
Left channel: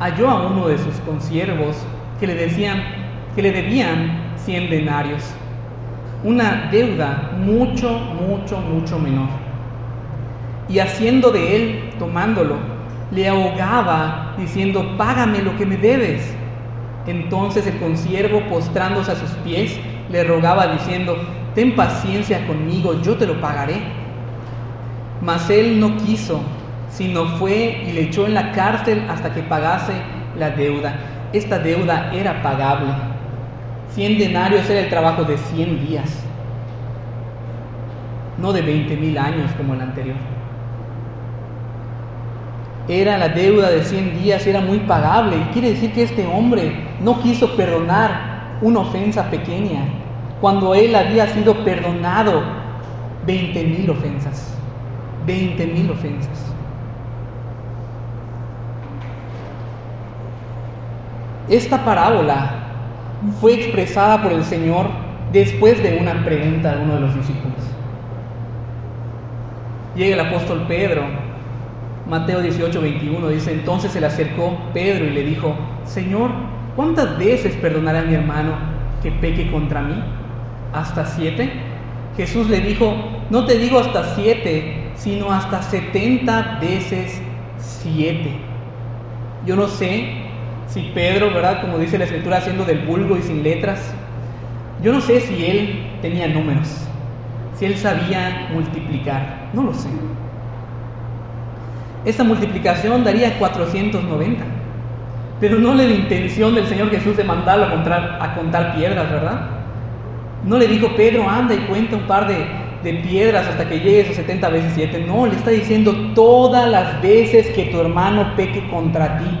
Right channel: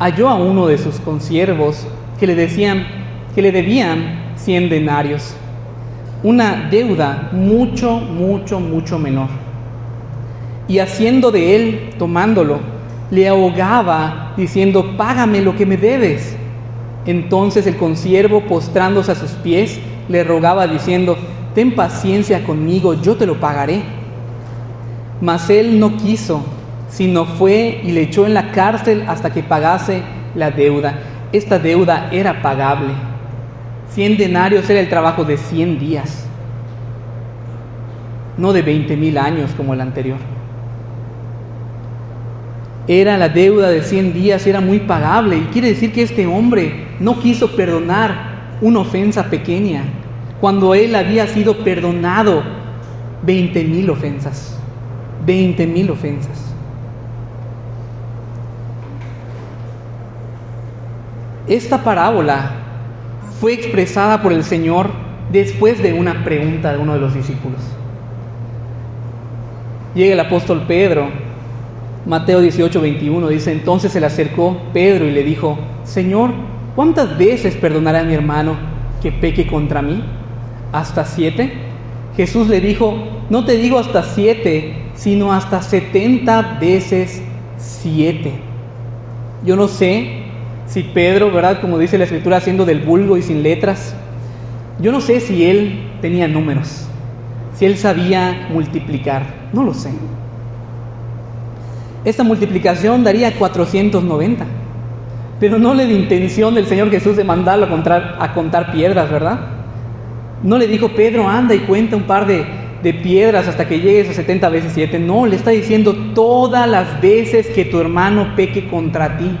halló a uno de sus consiervos que le debían 100 denarios, una deuda mucho menor. Y haciendo de él, tomándolo, le ahogaba, diciendo, págame lo que me debes. Entonces el consiervo, postrándose a sus pies, le rogaba, diciendo, ten paciencia conmigo, yo te lo pagaré. Mas él no quiso, sino fue y le echó en la cárcel hasta que pagase la deuda. Esta deuda era pagable. 100 denarios era el trabajo de 100 días, no de 20,000 años como el anterior. Era la deuda de 100 días, era muy pagable. Y quiere decir que este hombre no quiso perdonar una ofensa pequeña, cuando él había sido perdonado 20,000 ofensas. 20,000 ofensas. Esta parábola fue expresada por el Señor después de una pregunta de uno de los discípulos. Llega el apóstol Pedro, Mateo 18, 21, dice, entonces se le acercó Pedro y le dijo, Señor, ¿cuántas veces perdonaré a mi hermano que peque contra mí? ¿Hasta 7? Jesús le dijo, no te digo hasta 7, sino hasta 70 veces 7. Yo no sé si Pedro, ¿verdad? Como dice la Escritura, haciendo del vulgo y sin letras, yo no sé si él tenía números, si él sabía multiplicar, no lo sé. Esta multiplicación daría 490, pero no le dio intención del Señor Jesús de mandarlo a contar piedras, ¿verdad? No le dijo, Pedro, anda y cuenta un par de de piedras hasta que llegues a 70 veces 7. No, le está diciendo todas las veces que tu hermano peque contra ti.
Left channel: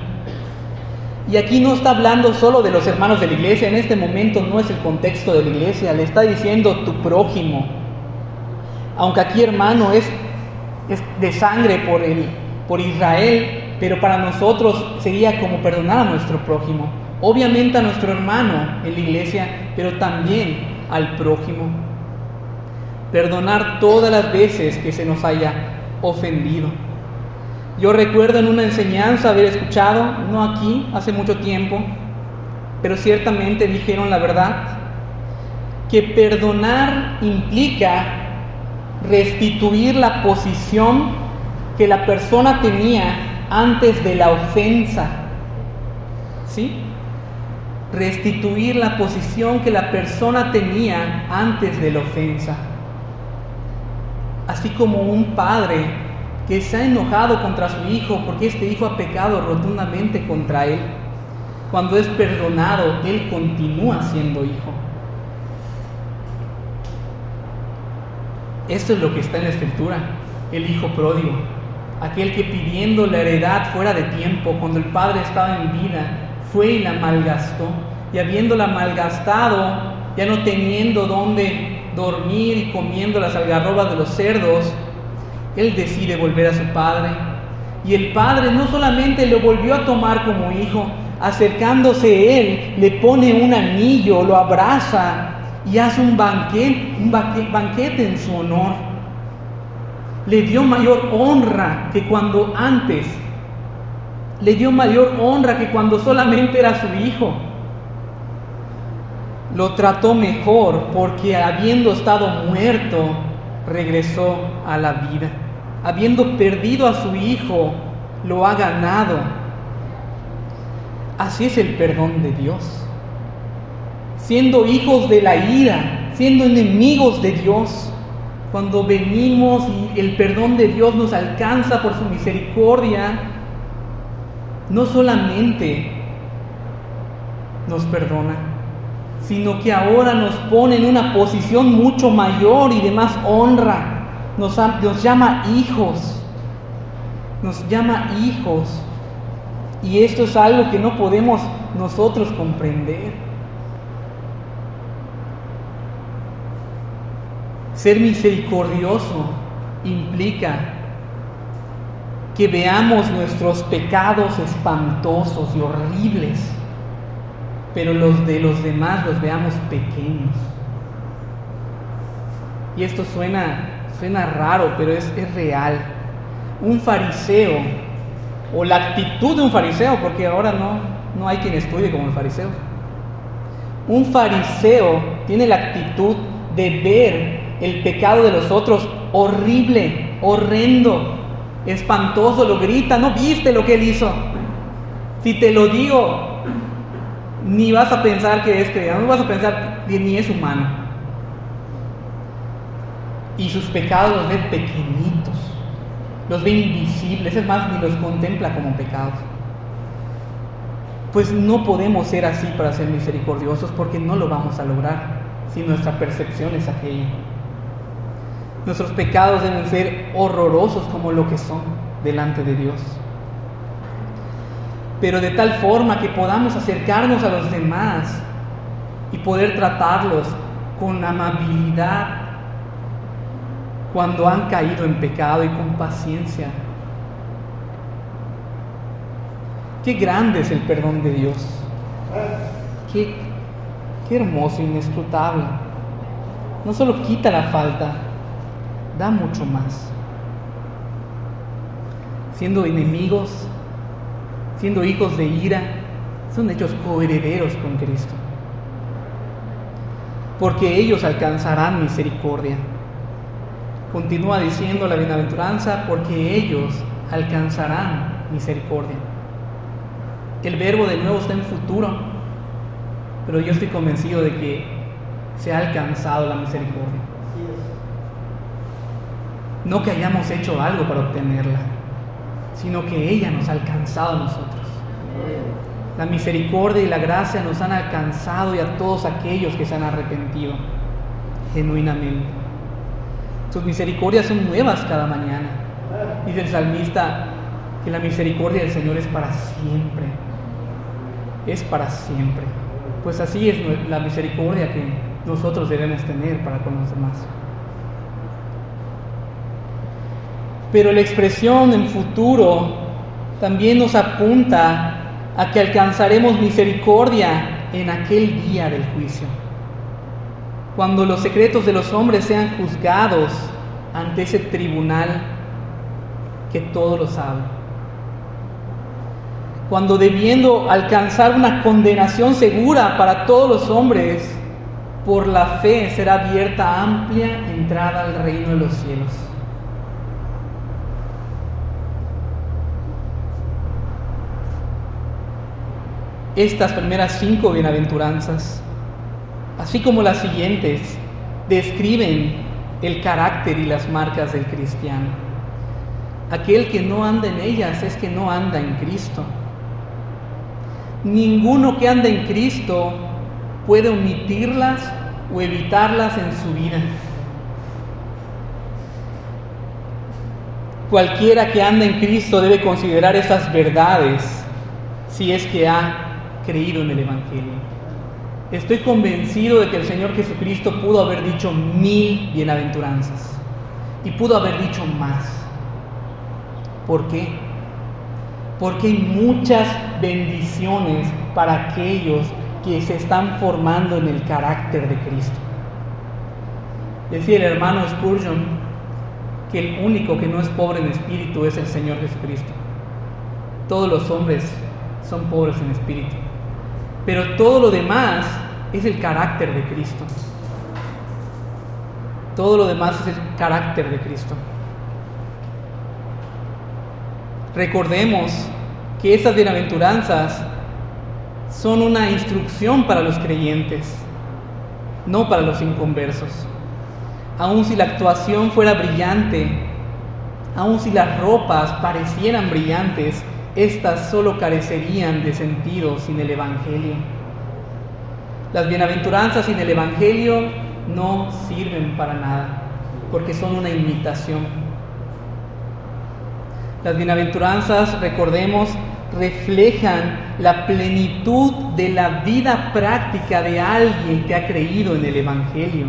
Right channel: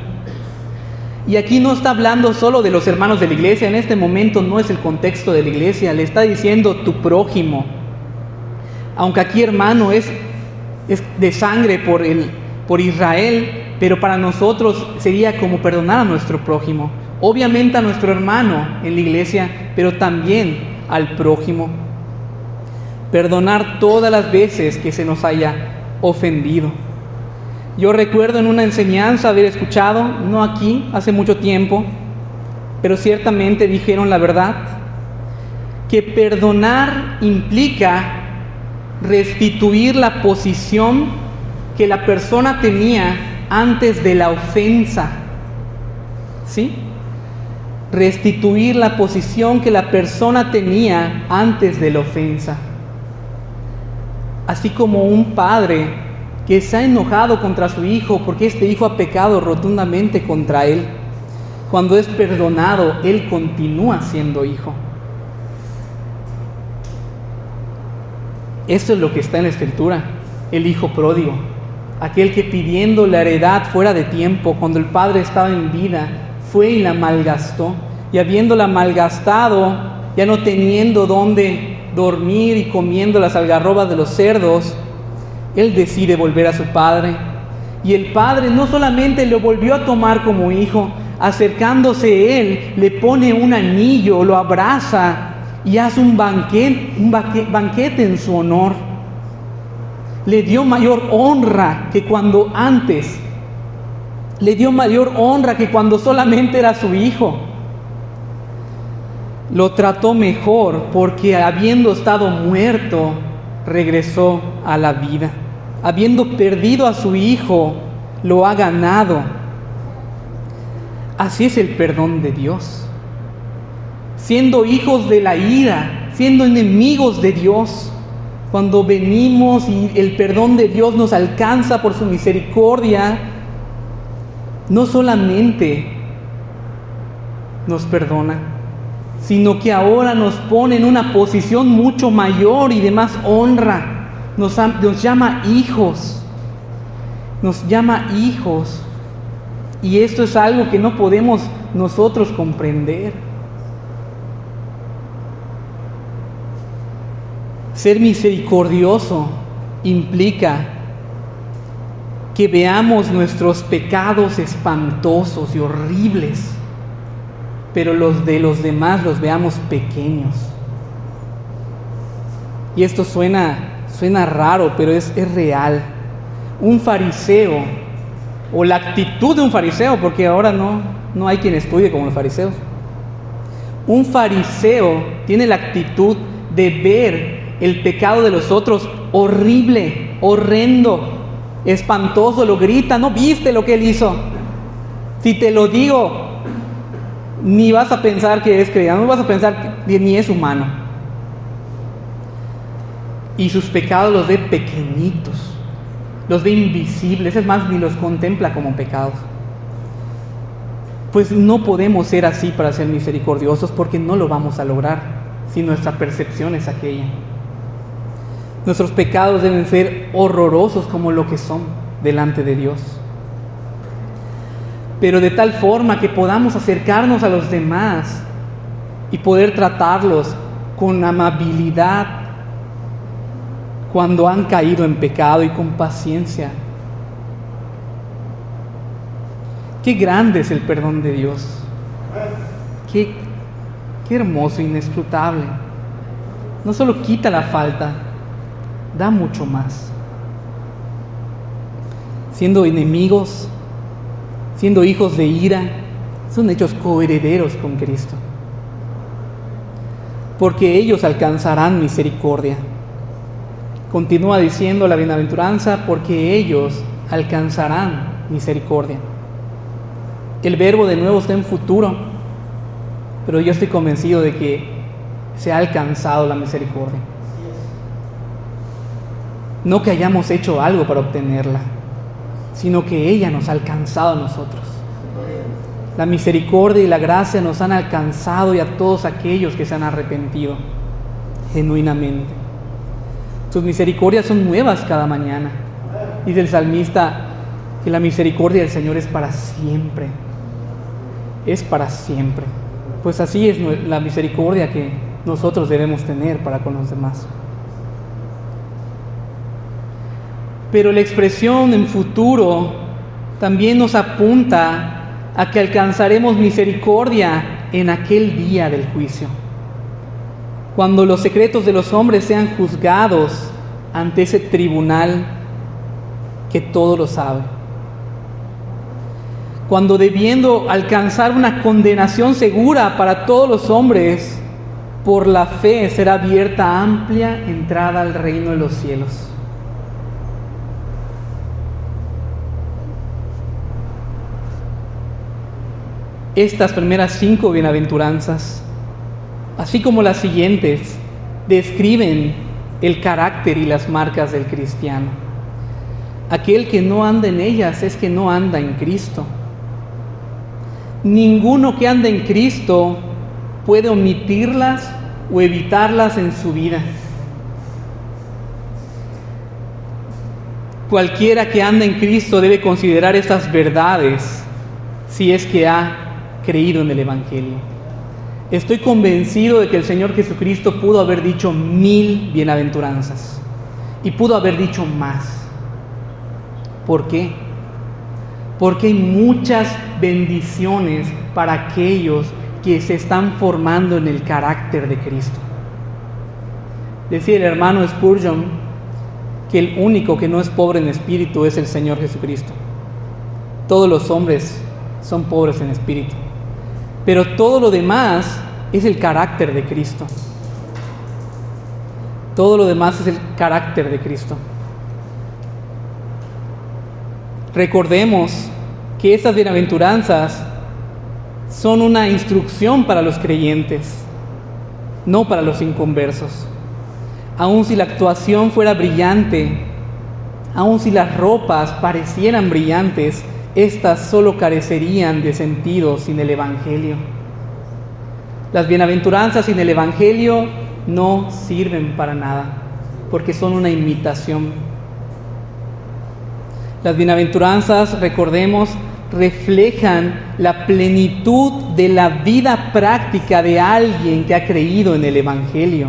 Y aquí no está hablando solo de los hermanos de la iglesia, en este momento no es el contexto de la iglesia, le está diciendo tu prójimo. Aunque aquí hermano es de sangre por Israel, pero para nosotros sería como perdonar a nuestro prójimo. Obviamente a nuestro hermano en la iglesia, pero también al prójimo. Perdonar todas las veces que se nos haya ofendido. Yo recuerdo en una enseñanza haber escuchado, no aquí, hace mucho tiempo, pero ciertamente dijeron la verdad, que perdonar implica restituir la posición que la persona tenía antes de la ofensa. ¿Sí? Restituir la posición que la persona tenía antes de la ofensa. Así como un padre que se ha enojado contra su hijo porque este hijo ha pecado rotundamente contra él, cuando es perdonado, él continúa siendo hijo. Esto es lo que está en la Escritura, el hijo pródigo, aquel que pidiendo la heredad fuera de tiempo, cuando el padre estaba en vida, fue y la malgastó, y habiéndola malgastado, ya no teniendo dónde dormir y comiendo las algarrobas de los cerdos, él decide volver a su padre. Y el padre no solamente lo volvió a tomar como hijo, acercándose él, le pone un anillo, lo abraza y hace un banquete en su honor. Le dio mayor honra que cuando antes, le dio mayor honra que cuando solamente era su hijo. Lo trató mejor porque habiendo estado muerto, regresó a la vida. Habiendo perdido a su hijo, lo ha ganado. Así es el perdón de Dios. Siendo hijos de la ira, siendo enemigos de Dios, cuando venimos y el perdón de Dios nos alcanza por su misericordia, no solamente nos perdona, sino que ahora nos pone en una posición mucho mayor y de más honra. Nos llama hijos. Nos llama hijos. Y esto es algo que no podemos nosotros comprender. Ser misericordioso implica que veamos nuestros pecados espantosos y horribles, pero los de los demás los veamos pequeños. Y esto suena raro, pero es real. Un fariseo, o la actitud de un fariseo, porque ahora no hay quien estudie como fariseos. Un fariseo tiene la actitud de ver el pecado de los otros horrible, horrendo, espantoso, lo grita, ¿no viste lo que él hizo? Si te lo digo, ni vas a pensar que es cristiano, no vas a pensar que ni es humano. Y sus pecados los ve pequeñitos, los ve invisibles, es más, ni los contempla como pecados. Pues no podemos ser así para ser misericordiosos, porque no lo vamos a lograr si nuestra percepción es aquella. Nuestros pecados deben ser horrorosos como lo que son delante de Dios, pero de tal forma que podamos acercarnos a los demás y poder tratarlos con amabilidad cuando han caído en pecado, y con paciencia. Qué grande es el perdón de Dios. Qué hermoso, inescrutable. No solo quita la falta, da mucho más. Siendo enemigos, siendo hijos de ira, son hechos coherederos con Cristo, porque ellos alcanzarán misericordia. Continúa diciendo la bienaventuranza, porque ellos alcanzarán misericordia. El verbo de nuevo está en futuro, pero yo estoy convencido de que se ha alcanzado la misericordia. No que hayamos hecho algo para obtenerla, sino que ella nos ha alcanzado a nosotros. La misericordia y la gracia nos han alcanzado, y a todos aquellos que se han arrepentido genuinamente. Sus misericordias son nuevas cada mañana. Dice el salmista que la misericordia del Señor es para siempre. Es para siempre. Pues así es la misericordia que nosotros debemos tener para con los demás. Pero la expresión en futuro también nos apunta a que alcanzaremos misericordia en aquel día del juicio, cuando los secretos de los hombres sean juzgados ante ese tribunal que todo lo sabe. Cuando, debiendo alcanzar una condenación segura para todos los hombres, por la fe será abierta amplia entrada al reino de los cielos. Estas primeras 5 bienaventuranzas, así como las siguientes, describen el carácter y las marcas del cristiano. Aquel que no anda en ellas es que no anda en Cristo. Ninguno que anda en Cristo puede omitirlas o evitarlas en su vida. Cualquiera que anda en Cristo debe considerar esas verdades si es que ha creído en el Evangelio. Estoy convencido de que el Señor Jesucristo pudo haber dicho 1000 bienaventuranzas y pudo haber dicho más. ¿Por qué? Porque hay muchas bendiciones para aquellos que se están formando en el carácter de Cristo. Decía el hermano Spurgeon que el único que no es pobre en espíritu es el Señor Jesucristo. Todos los hombres son pobres en espíritu, pero todo lo demás es el carácter de Cristo. Todo lo demás es el carácter de Cristo. Recordemos que estas bienaventuranzas son una instrucción para los creyentes, no para los inconversos. Aun si la actuación fuera brillante, aun si las ropas parecieran brillantes, estas solo carecerían de sentido sin el Evangelio. Las bienaventuranzas sin el Evangelio no sirven para nada, porque son una imitación. Las bienaventuranzas, recordemos, reflejan la plenitud de la vida práctica de alguien que ha creído en el Evangelio.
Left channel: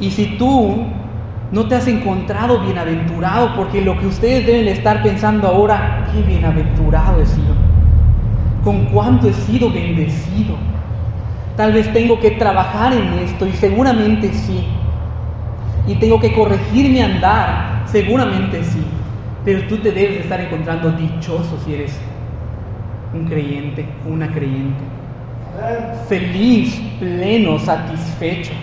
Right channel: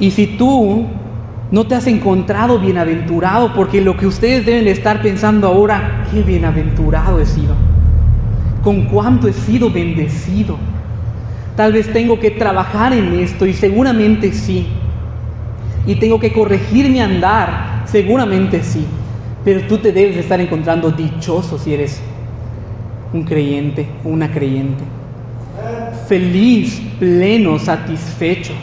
Y si tú no te has encontrado bienaventurado, porque lo que ustedes deben estar pensando ahora, qué bienaventurado he sido, con cuánto he sido bendecido, tal vez tengo que trabajar en esto, y seguramente sí, y tengo que corregir mi andar, seguramente sí, pero tú te debes estar encontrando dichoso si eres un creyente, una creyente, feliz, pleno, satisfecho.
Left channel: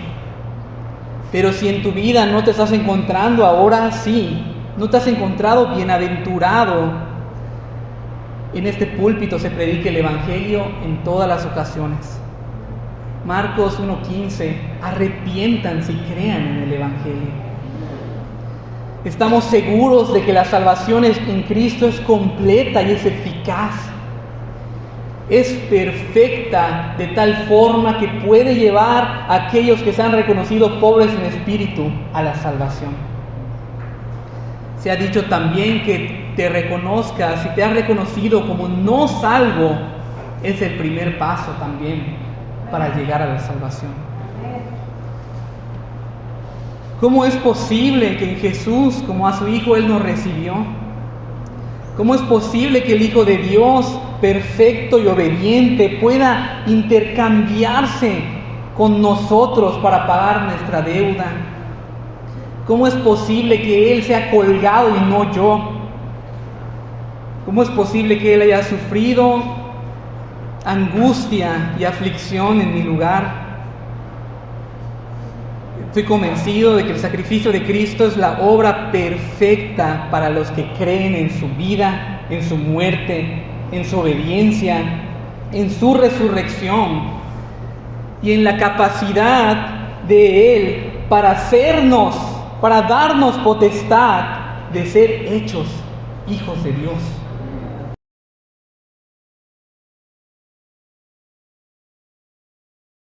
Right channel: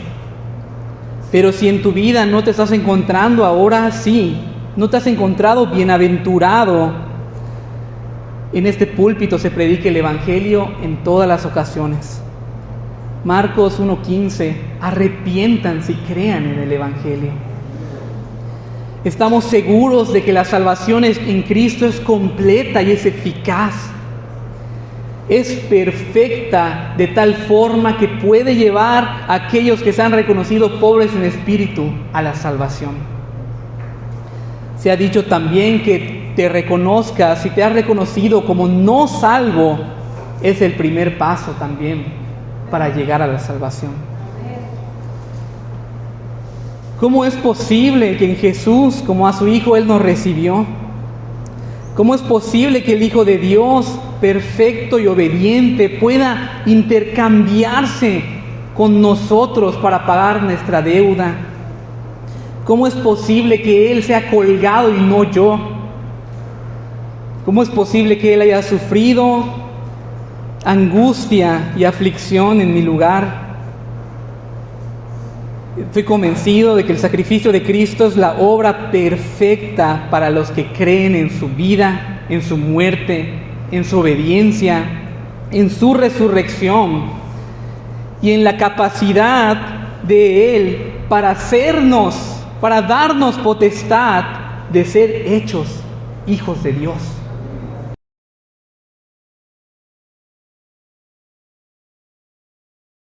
Pero si en tu vida no te estás encontrando ahora sí, no te has encontrado bienaventurado, en este púlpito se predica el Evangelio en todas las ocasiones. Marcos 1:15, arrepiéntanse y crean en el Evangelio. Estamos seguros de que la salvación en Cristo es completa y es eficaz. Es perfecta de tal forma que puede llevar a aquellos que se han reconocido pobres en espíritu a la salvación. Se ha dicho también que te reconozcas, si te has reconocido como no salvo, es el primer paso también para llegar a la salvación. ¿Cómo es posible que en Jesús, como a su Hijo, Él nos recibió? ¿Cómo es posible que el Hijo de Dios, perfecto y obediente, pueda intercambiarse con nosotros para pagar nuestra deuda? ¿Cómo es posible que Él sea colgado y no yo? ¿Cómo es posible que Él haya sufrido angustia y aflicción en mi lugar? Estoy convencido de que el sacrificio de Cristo es la obra perfecta para los que creen en su vida, en su muerte, en su obediencia, en su resurrección y en la capacidad de Él para hacernos, para darnos potestad de ser hechos hijos de Dios.